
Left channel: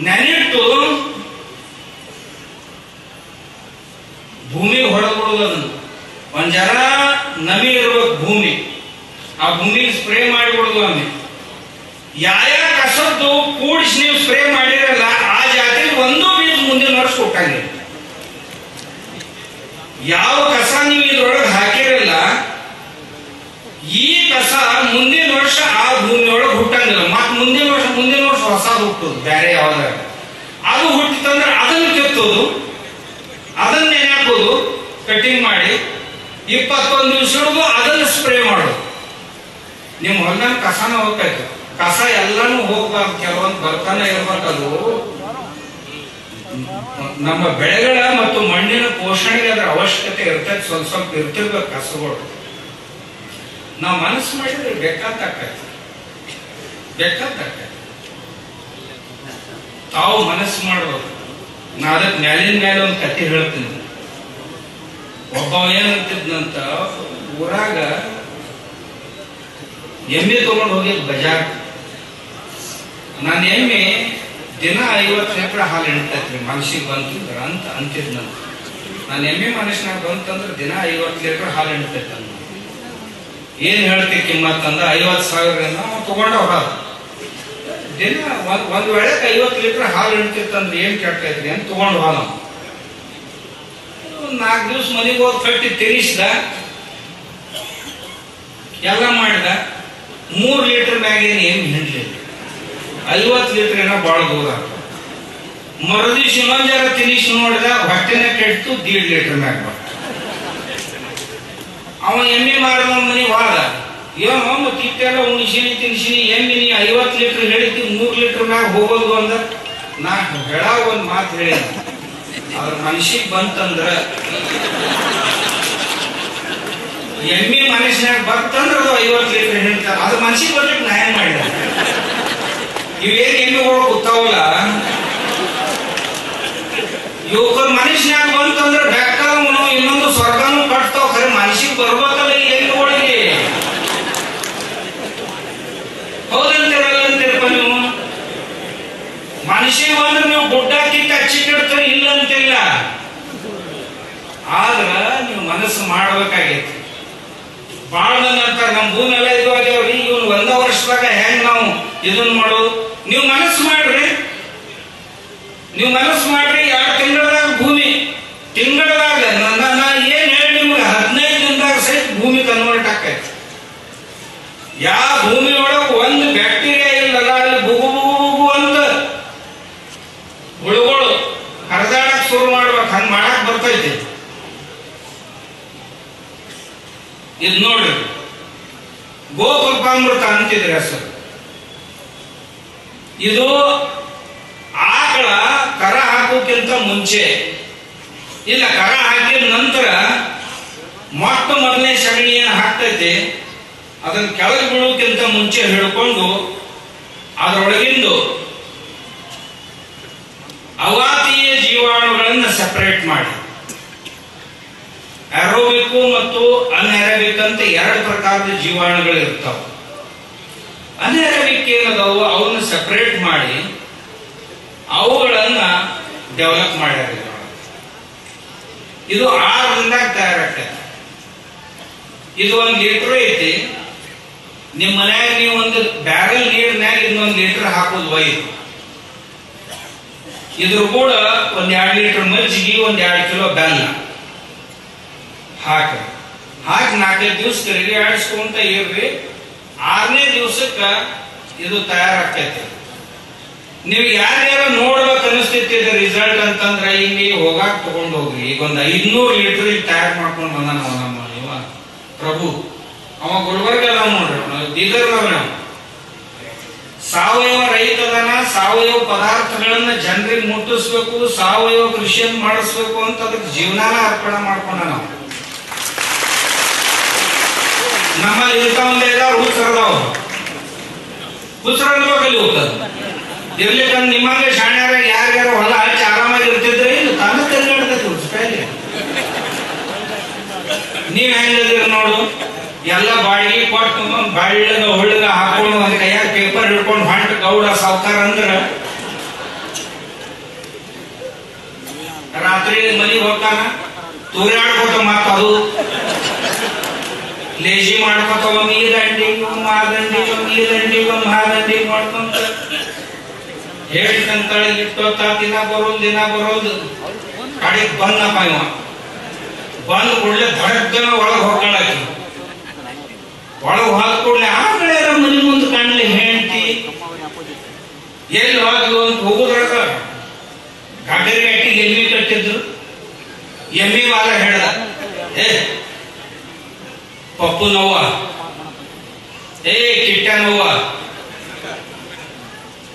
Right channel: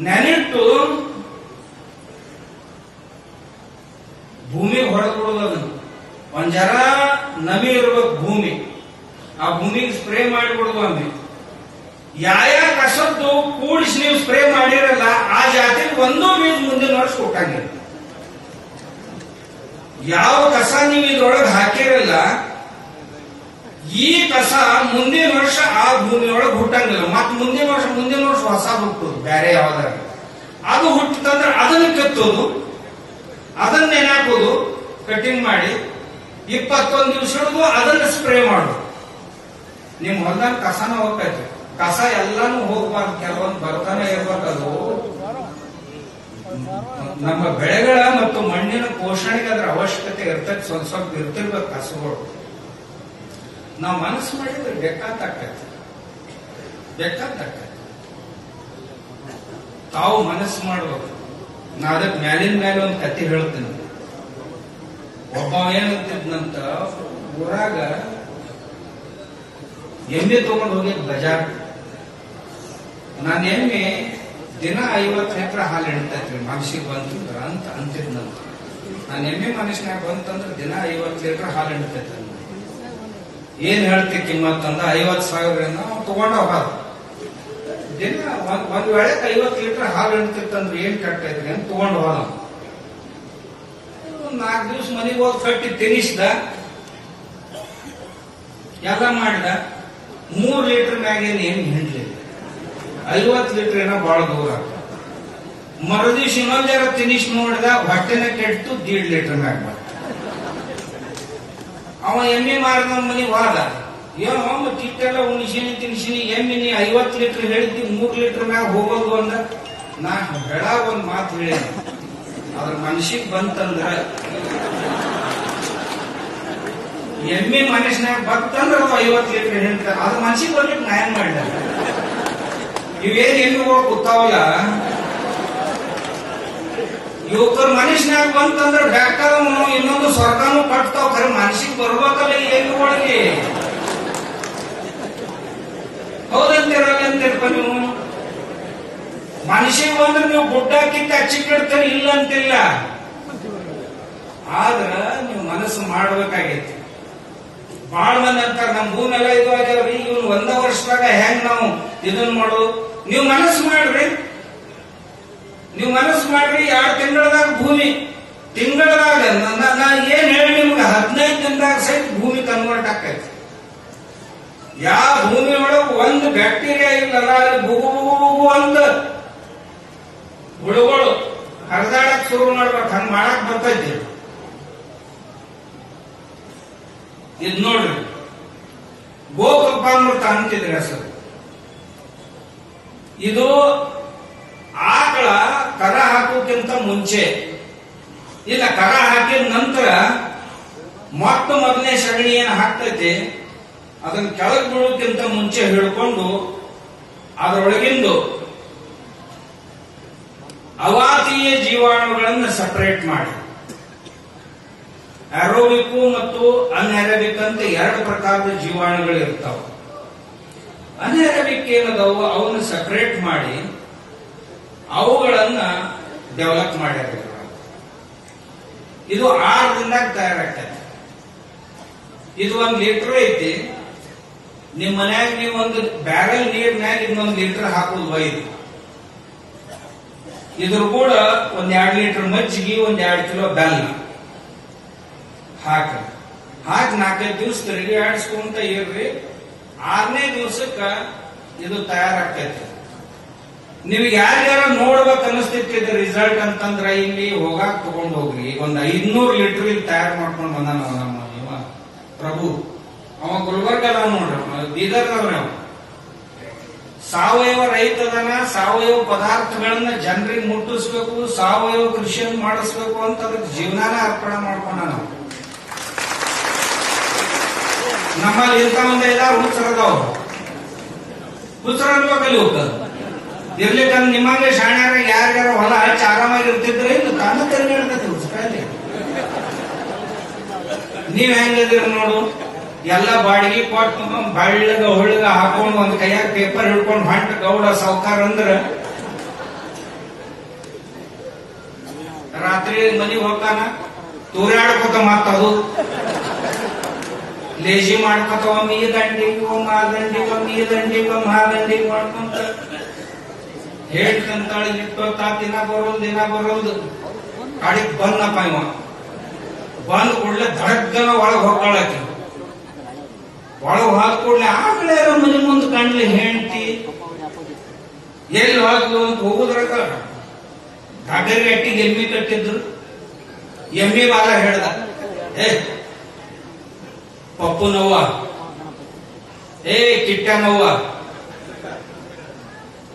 ನೆನಿಟ್ಟು ಭೂಮಿ ಹೊಡೆದ್ಬಿಡುದು. ಅದನ್ನು ಒಂದ್ ಜರ ನಮಿ ಇರ್ಬೇಕು ಭೂಮಿ, ಆ ಭೂಮಿಗೆ ಸ್ಪ್ರೇ ಮಾಡಿಬಿಡುದು. ಅಲ್ಲಿ ಯಾವ ಕಸದ್ದು ಕೂಡಿಸಿ ನೀವು ಸ್ಪ್ರೇ ಮಾಡಿರಲ್ಲ, ಆ ಜಾತಿಗೆ ಒಂದು ಬೀಜ ಮುಂದಿನ ವರ್ಷ ಹುಟ್ಟಂಗಿಲ್ಲ. ಯಾವ ಕಸ ನೀವು ಇದ್ರೊಳಗೆ ಹಾಕಿರಲ್ಲ, ಈ ಕಸ ಮುಂದಿನ ವರ್ಷ ಆ ಭೂಮಿಯೊಳಗೆ ಹುಟ್ಟಂಗಿಲ್ಲ. ಮತ್ ಮುಂದಿನ ವರ್ಷ ಹೊಸದು ಹುಟ್ಟುದು ಬೇರೆ ಯಾವ್ದಾಗ. ಅದು ಹುಟ್ಟಿತಂದ್ರೆ ಅದನ್ನು ಕೆತ್ತೋದು, ಅದನ್ನ ನೆನಾಕೋದು, ಕಟಿಂಗ್ ಮಾಡಿ 21 ದಿವಸ ಹಿಡಿದು ಅದನ್ನ ಸ್ಪ್ರೇ ಮಾಡೋದು. ನಿಮ್ ಹೊಲದಾಗ ಕಸನ ಹೋಗ್ಬೇಕು. ಕಸ ಎಲ್ಲಾನು ಹೋಗ್ಬಾರ್ದು, ಕೆಲವೊಂದು ಬರ್ತಾನೆ ಇರ್ಬೇಕದು. ನಮ್ಮ ಬೆಳೆಗಳ ಮತ್ತು ಮಣ್ಣಿನ ಪೋಷಣೆಗೆ ಅದರ ಅವಶ್ಯಕತೆ ಇರ್ತದೆ. ಸ್ವಲ್ಪ ಇರ್ತಿರ್ಬೇಕು ಕಸಗಳು. ನಾವು ಮನಸ್ಸು ಮಾಡಿದ್ರೆ ಬೇಕಾಗ್ತೈತೆ. ತಾವು ಮನಸ್ಸು ಮಾಡ್ಬೇಕು. ನಾ ಅದಕ್ಕೆ ಮ್ಯಾಲಿನ ಮೇಲೆ ಒಂದು ಕತೆ ಹೇಳ್ತೀನಿ. ಒಬ್ಬ ಏನಂತಿದ್ನಂತ, ಊರಾಗ ಎಮ್ಮೆ ತಗೊಂಡು ಹೋಗಿದ್ ಬಜಾರ್. ನಾನು ಎಮ್ಮೆ ದಿನ 50 ಲೀಟರ್ ಹಾಲು ಹಿಡಿತೈತ್ರಿ ಮನಸ್ಸಿಗೆ ಬಂತಂದ್ರ ಅಂತ ಅಂತಿದ್ನಂತ. ನಾನು ಎಮ್ಮೆ ಮನುಷ್ಯನಾಗ ಬಂತಂದ್ರೆ ದಿನ 50 ಲೀಟರ್ ಹಾಲು ಹಿಡಿತೈತ. ಏನ್ ಹೇಳ್ತಿ ಕಿಮ್ಮತ್ ಅಂದ, 50,000 ತಗೊಂಡ ಹೋದ. ದಿನ ಒಂದ್ ವೇಳೆ 50 ಲೀಟರ್ ಹಾಲು ಹಿಡ್ತಿತ್ತಂದ್ರೆ ಏನ್ ಕೆಟ್ಟೈತ್ರಿ ಅಂತ ತಗೊಂಡು ಹೋದ. 4 ದಿವಸ ಮನೆಗೆ ಹೋಗಿ ಕಟ್ಟಿ ತಿನ್ನಿಸಿದ, ಎಲ್ಲ ಮಾಡಿದ. 3 ಲೀಟರ್ ಮ್ಯಾಗೇನು ಏನು ಹಿಂಡ್ಲಿಲ್ಲ. 50 ಲೀಟರ್ ಏನೋ ಬಾಳ ದೂರ. ಮರುದಿವ್ಸ ಇನ್ನೊಂಜಾರ ತಿನಿಸಿ ನೋಡಿದ, ಹೊಟ್ಟೆನ ಕೆಟ್ಟು 1.5 ಲೀಟರ್ ಮ್ಯಾಗ ಬಂತ. ಅವ ಎಮ್ಮೆ ಮಾರಿದ ಮನಿ ಹೋದ, ಏನೋ ಮತ್ತೆ ಇಟ್ಟೆಲ್ಲ ಉಣಿಸಿನಿ ತಿನ್ಸಿನಿ, ಎಮ್ಮೆ ನೀ 50 ಲೀಟರ್ ಹೇಳಿದ್ದಿ 3 ಲೀಟರ್ ಮ್ಯಾಗ ಹೋಗೋದು ಅಂದ. ನಾ ಹೇಳ ಒಂದ್ ಮಾತು ಹೇಳಿ, ಅದ್ರ ಮನುಷ್ಯಗ್ ಬಂತಂದ್ರ, ಎಮ್ಮೆ ಮನುಷ್ಯನಾಗ ಬಂತಂದ್ರ 50 ಲೀಟರ್ ಹೇಳ್ತಾರ, ಅದ್ರ ಮನುಷ್ಯಗ್ ಬರ್ಲಿಕ್ಕೆ ನಾ ಏನ್ ಮಾಡಿದ? ಇವೇನ್ ಎಮ್ಮೆಗಳು ಗೊತ್ತಾವಲ್ಲ, ಯುವಕರ ಮನುಷ್ಯನಾಗ ಬಂತಂದ್ರ ಬೆಕ್ಕನು ಇನ್ನೊಂದು ಸ್ವರ್ಗನೂ ಕಟ್ತಾವ. ಖರೆ ಮನುಷ್ಯಗ್ ಬರ್ಬೇಕಲ್ಲ ಈ ಎಮ್ಮೆಗಳಿಗೆ. ಹೌದಂತಿರಲ್ಲಂತಿರಪ್ಪ ನೀವು. ಮನುಷ್ಯಗೆ ಬಂದ್ರೆ ನೀವು ಗುಡ್ಡಾಕಿ ಕಚ್ಚಿ ಕೆಡ್ತಾರೆ, ಇಲ್ಲ ಅಂತಿಲ್ಲ. ಆದ್ರ ನೀವು ಮನಸ್ಸು ಮಾಡ್ಬೇಕಾಗೈತಿ. ಬಾಳ ಮಂದಿ ಅಂತಾರ ನಮ್ ಭೂಮೆಲ್ಲ ಇದಾಗ್ಯಾವ್ರಿ, ಇವನ್ 1 ವರ್ಷದಾಗ ಹೆಂಗ್ ನಾವು ಇದನ್ ಮಾಡೋದು? ನೀವು ಮನಸ್ಸು ಮಾಡ್ರಿ, ನೀವು ಮನಸ್ಸು ಮಾಡ್ರಿ. 2 ತಿಂಗಳದಾಗ ಭೂಮಿ, ತಿಂಗಳದಾಗ ನಾ ಏನ್ ಹೇಳಿ ನಿಮ್ಗೆ 15 ದಿನದಾಗ ಸಹಿತ ಭೂಮಿ ಕನ್ವರ್ಟ್ ಆಕೈತಿ. ಯಾವ ಭೂಮಿ ಒಳಗೆ ಒಂದು ಬ್ಯಾಕ್ಟೀರಿಯಾ ಇಲ್ಲಲ್ಲ, ಅಲ್ಲಿ ಬುಗು ಬುಗು ಅಂತ ಹುಳುಗಳು ಹರಿದಾಡಕ್ ಶುರು ಮಾಡ್ಬೇಕು, ಹಂಗ ಮಾಡಕ್ ಬರ್ತೈತಿ. ಇದು ನೋಡ್ರಿ, ಗೋಕೃಪಾಮೃತ ಅಂತಿದ್ರೆ ಹೆಸರು. ಇದು ಆಕಳ ಕರ ಹಾಕೋಕ್ಕಿಂತ ಮುಂಚೆ, ಇಲ್ಲ ಕರ ಹಾಕಿದ ನಂತರ ಮೊದಲನೇ ಸಗಣಿಯನ್ನು ಹಾಕ್ತೈತಿ, ಅದನ್ನ ಕೆಳಗೆ ಬೀಳೋಕ್ಕಿಂತ ಮುಂಚೆ ಹಿಡ್ಕೊಂಡು ಅದರೊಳಗಿಂದು ಅವಾತೀಯ ಜೀವಾಣುಗಳನ್ನು ಸೆಪರೇಟ್ ಮಾಡಿ, ಏರೋಬಿಕ್ ಮತ್ತು ಅನ್ಏರೋಬಿಕ್ ಅಂತ 2 ಪ್ರಕಾರದ ಜೀವಾಣುಗಳು ಇರ್ತಾವ. ಅನ್ಏರೋಬಿಕ್ ಏನದಾವು ಅವನ್ನ ಸೆಪರೇಟ್ ಮಾಡಿ ಅವುಗಳನ್ನ ಡೆವಲಪ್ ಮಾಡ್ಯಾರ. ಇದು 6 ದಿನದಾಗ ತಯಾರಾಗ್ತದೆ. ಇದು 1 ಲೀಟರ್ ಐತಿ. ನಿಮ್ ಮನ್ಯಾಗ ನೀವು ಒಂದು ಬ್ಯಾರಲ್ ನೀರಿನಾಗ ಇನ್ನೊಂದು ಲೀಟರ್ ಹಾಕೋದು ಒಯ್ದು, ಇದ್ರ ಕೂಡ 1 2 ಲೀಟರ್ ಮಜ್ಜಿಗೆ, 1 2 ಕಿಲೋ ಬೆಲ್ಲ ಹಾಕಿ 4-5 ದಿವಸ ತಿರುಗಿ ಆಡಿಸ್ಕೊಂತ ಇರ್ರಿ. 6ನೇ ದಿವಸಕ್ಕ ಇದು ತಯಾರಾಗ್ತೈತಿ. ನೀವು ಯಾರ್ಯಾರ ನೋಡ್ಬೇಕು ಅನಿಸ್ತೈತಿ ರಿಸಲ್ಟ್ ಅಂತಂದ್ರ ಹಿಂಗೆ ಹೋಗಾಕ್ ತಗೊಂಡ್ ಹೋಗ್ರಿ. ಈಗ ಒಂದು 500 ಲೀಟರ್ ತಯಾರು ಮಾಡ್ಕೊಂಡು ಬಂದ ನಮ್ಮ ಇವ ಪ್ರಭು, ಅವ ಗುಲ್ಬರ್ಗ ಅದ ನೋಡ್ರಿ, ಬೀದರ್ನವ. ಸಾವಯವ ರೈತದನ, ಸಾವಯವ ಪದಾರ್ಥಗಳನ್ನ ಜನರಿಗೆ ಮುಟ್ಟಿಸ್ಬೇಕು, ಸಾವಯವ ಕೃಷಿಯನ್ನು ಮಾಡಿಸ್ಬೇಕು ಅಂತ ಅದಕ್ಕೆ ಜೀವನಾನ ಅರ್ಪಣೆ ಮಾಡ್ಕೊಂಡ. ನಾವು ನಮ್ಮಲ್ಲಿ ಇಂಥ ಒಂದು 5-6 ಹುಚ್ಚರದವ, ಹುಚ್ಚರಲ್ಲಿ ಹೋಗ್ತದೆ ಇರ್ಲಿಕ್ಕಂದ್ರೆ ನಿಮ್ಮಂಗೆ ಶಾಣ್ಯಾರ ಯಾರ್ಯಾರ ಹೊಲ ಹಚ್ಚಿ ಆರಾಮಾಗಿ ಇರ್ತಿದ್ರೆ ಇದು ತಾನು ತಿರುಗಾಡ್ತೈತಿ ಹುಚ್ಚಕಾಯಿಲೆ. ನೀವ್ ಹೆಂಗದಿರ ನೋಡು, ಎಲ್ಲ ಬಾಡಿಗೆ ಕೊಟ್ಟು ಬಳ್ಳಗ ಹೊಳ್ಳಗ ಹಾಕೊಂಡು ಒಂದ್ ಕೈಯಾಗ ಪೇಪರ್ ಹಿಡ್ಕೊಂಡು ಹೊಂಟ ಗೌಡ ಸಾವ್ಕಾರ ಅಂದ್ರ ರಾತ್ರಿ ಮನೆಗೆ ಹೋಗ್ತಾನ, ತೂರಾಡ್ಕೋತ ಮಾತದು ಲೇಜಿ ಮಾಡ್ಕೊತ ಒಂದ್ ಈ ದಂಡಿಗೆ ಒಂದ್ ಆ ದಂಡಿಗೆ ಒಂದ್ ಈ ದಂಡಿಗೆ ಒಂದ್ ಆ ದಂಡಿಗೆ ಮಾಡ್ಕೊಂತ ಹೇಳ್ತಂತಳ ಇಟ್ಟೋತ ದಿನ ಬರೋದು ಕಡೆಗೆ ಬಂದಪ್ಪ. ಇವ ಬಂದ್ ಕೂಡಲೇ ಧಡಗ್ಗನ ಒಳಗೆ ಹೋಗ್ಕೊಳ್ಳಿ. ಒಳಗೆ ಹೋದ ಕೂಡಲೇ ಆ ಕಡೆ ಮನೆ ಮುಂದೆ ಕಾಣಲಿ ಹೆಂಡತಿ ಎಲ್ಲಿ ಹೋದ್ಲು ಅಂತ ಹೋಗುದ್ರಾಗ ಗಾಗರಿ ಅಟ್ಟಿಗೆ ಎಮ್ಮಿ ಕಟ್ಟಿದ್ರು. ಎಮ್ಮಿ ವಾಲ ಹೇಳ್ದ, ಪಪ್ಪು ನೋವ, ಕಿಟ್ಟ್ಯಾನವ್ವ,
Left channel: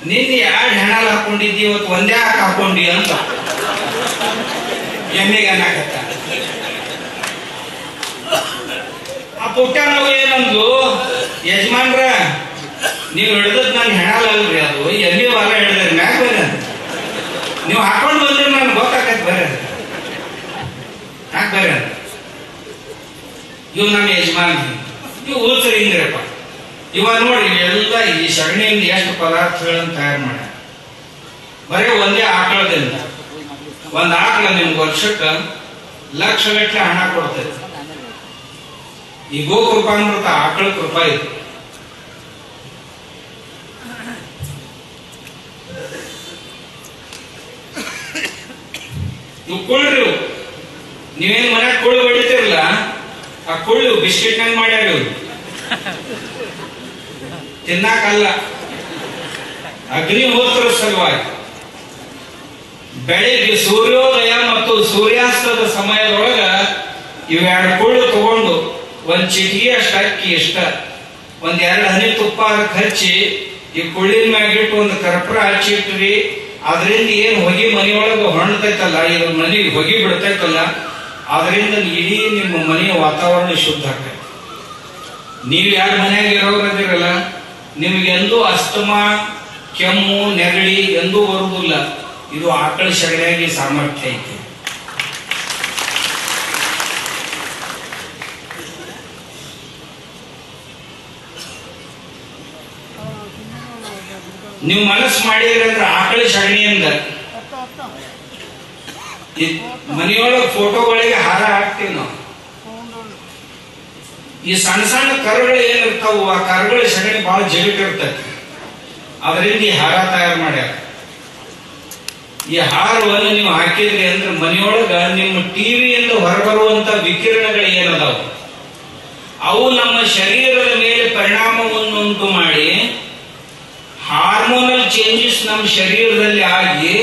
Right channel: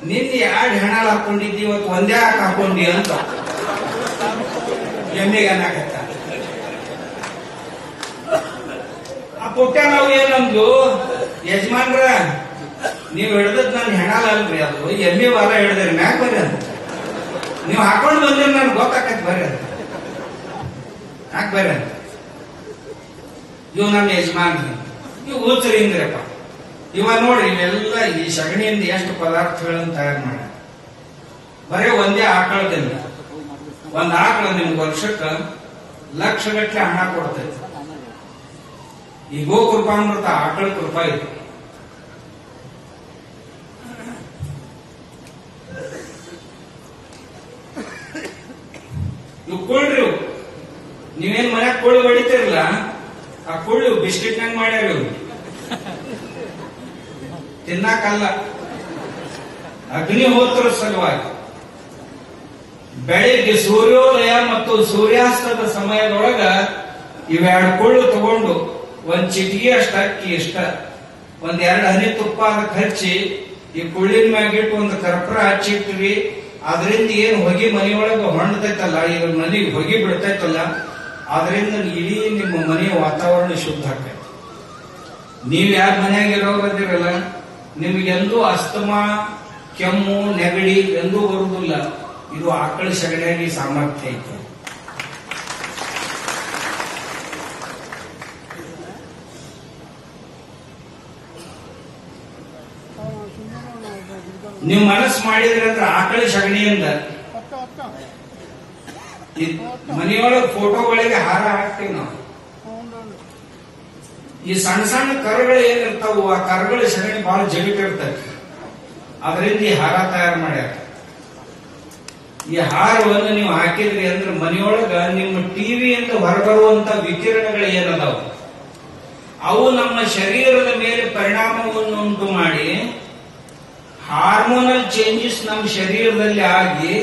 ನಿನ್ನೆ 2 ಹೆಣ ಹಾಕೊಂಡಿದ್ದಿ, ಇವತ್ತು ಒಂದೇ ಹಾಕೊಂಡಿ ಅಂತ ಎಮ್ಮೆಗೆ ಅನ್ನಾಕತ್ತ. ಆ ಪುಟ್ಟ್ಯಾನವ್ವ ಏನಂದ್ಲು, ಯಜಮಾನ್ರ ನೀವು ಹಿಡ್ದದ್ ನನ್ ಹೆಣಲ್ರಿ, ಅದು ಎಮ್ಮೆ ವಾಲ ಹಿಡ್ದ ಮ್ಯಾಗ ಬರ, ನೀವು ಹಾಕೊಂಡು ಬಂದ್ರೆ ನನ್ಗೆ ಗೊತ್ತಾಕತ್ ಬರ, ಯಾಕೆ ಬರ. ಇವ್ ನಮ್ಮ ಯಜಮಾನ್, ಇವ್ ಉಳ್ಸರಿ ಹಿಂಗ್ರಪ್ಪ. ಇವ ನೋಡಿ ಎಲ್ಲ ಈ ಸಗಣಿಯಿಂದ ಎಷ್ಟು ಪದಾರ್ಥಗಳನ್ನ ತಯಾರು ಮಾಡಿ, ಬರೀ ಒಂದೇ ಆಕಳದಿಂದ. ಒಂದ್ ಆಕಳ ನಿಮ್ಗೆ ವರ್ಷಕ್ಕ ಲಕ್ಷಗಟ್ಟಲೆ ಹಣ ಕೊಡ್ತೈತಿ. ಈ ಗೋಕೃಪಾಮೃತ ಆಕಳ ಕೃಪಾ ಇದು. ಇವು ಕೊಳ್ಳ್ರಿ, ನೀವೇನ್ ಮನ್ಯಾಗ ಕೋಳಿ ಹೊಡಿತಿರಲ್ಲ, ಆ ಕೋಳಿ ಬಿಸ್ಕಿಟ್ ನಂಗೆ ಮಾಡ್ಯಾರ ಇವ್ರು, ತಿನ್ನಾಕಲ್ಲ. ಅಗ್ನಿಹೋತ್ರ ಸಲುವಾಗಿ ಬೆಳಿಗ್ಗೆ ಸೂರ್ಯೋದಯ ಮತ್ತು ಸೂರ್ಯಾಸ್ತದ ಸಮಯದೊಳಗ ಇವೆರಡು ಕುಳ್ಳು ತಗೊಂಡು ಒಂದ್ ಚಿಟಿಗೆ ಅಷ್ಟು ಅಕ್ಕಿ ಇಷ್ಟ ಒಂದ್ 2 ಹನಿ ತುಪ್ಪ ಹಚ್ಚಿ ಈ ಕುಳ್ಳಿನ ಮ್ಯಾಗಿಟ್ಟು ಒಂದು ಕರ್ಪೂರ ಹಚ್ಚಿಟ್ರಿ. ಅದರಿಂದ ಏನ್ ಹೊಗೆ ಮನೆಯೊಳಗ ಹೊಣ್ಣತೈತಲ್ಲ, ಇದು ಮನೆಗೆ ಹೊಗೆ ಬಿಡ್ತೈತಲ್ಲ, ಅದರಿಂದ ಇಡೀ ನಿಮ್ಮ ಮನೆಯ ವಾತಾವರಣ ಶುದ್ಧ ಆಗ್ತೈತಿ. ನೀವು ಯಾರು ಮನೆಯಾಗ ಇರೋರದಿರಲ್ಲ, ನಿಮ್ಗೆಂದೂ ಅಸ್ತಮಾ, ಕೆಮ್ಮು, ನೆಗಡಿ ಎಂದೂ ಬರುವುದಿಲ್ಲ. ಇದು ಆಕಳ ಸಗಣಿಯಾಗಿ ಸಾಮರ್ಥ್ಯ ಐತೆ. ನೀವು ಮನಸ್ಸು ಮಾಡಿದ್ರೆ ಅಂದ್ರೆ ಆಕಳ ಸಗಣಿಯಿಂದ ಮನೆಯೊಳಗೆ ಫೋಟೋಗಳಿಗೆ ಹಾರ ಹಾಕ್ತೀವಿ ನಾವು. ಈ ಸಣ್ಣ ಸಣ್ಣ ಕರುಗಳು ಏನಿರ್ತಾವು, ಆ ಕರುಗಳ ಸಗಣಿ ಬಹಳ ಜಗಟ್ಟಿರ್ತೈತಿ. ಅದರಿಂದ ಈ ಹಾರ ತಯಾರು ಮಾಡ್ಯಾರ. ಈ ಹಾರವನ್ನು ನೀವು ಹಾಕಿದ್ರಿ ಅಂದ್ರೆ ಮನೆಯೊಳಗ ನಿಮ್ಮ ಟಿವಿಯಿಂದ ಹೊರಬರುವಂತ ವಿಕಿರಣಗಳು ಏನದಾವು ಅವು ನಮ್ಮ ಶರೀರದ ಮೇಲೆ ಪರಿಣಾಮವನ್ನುಂಟು ಮಾಡಿ ಹಾರ್ಮೋನಲ್ ಚೇಂಜಸ್ ನಮ್ಮ ಶರೀರದಲ್ಲಿ ಆಗಿ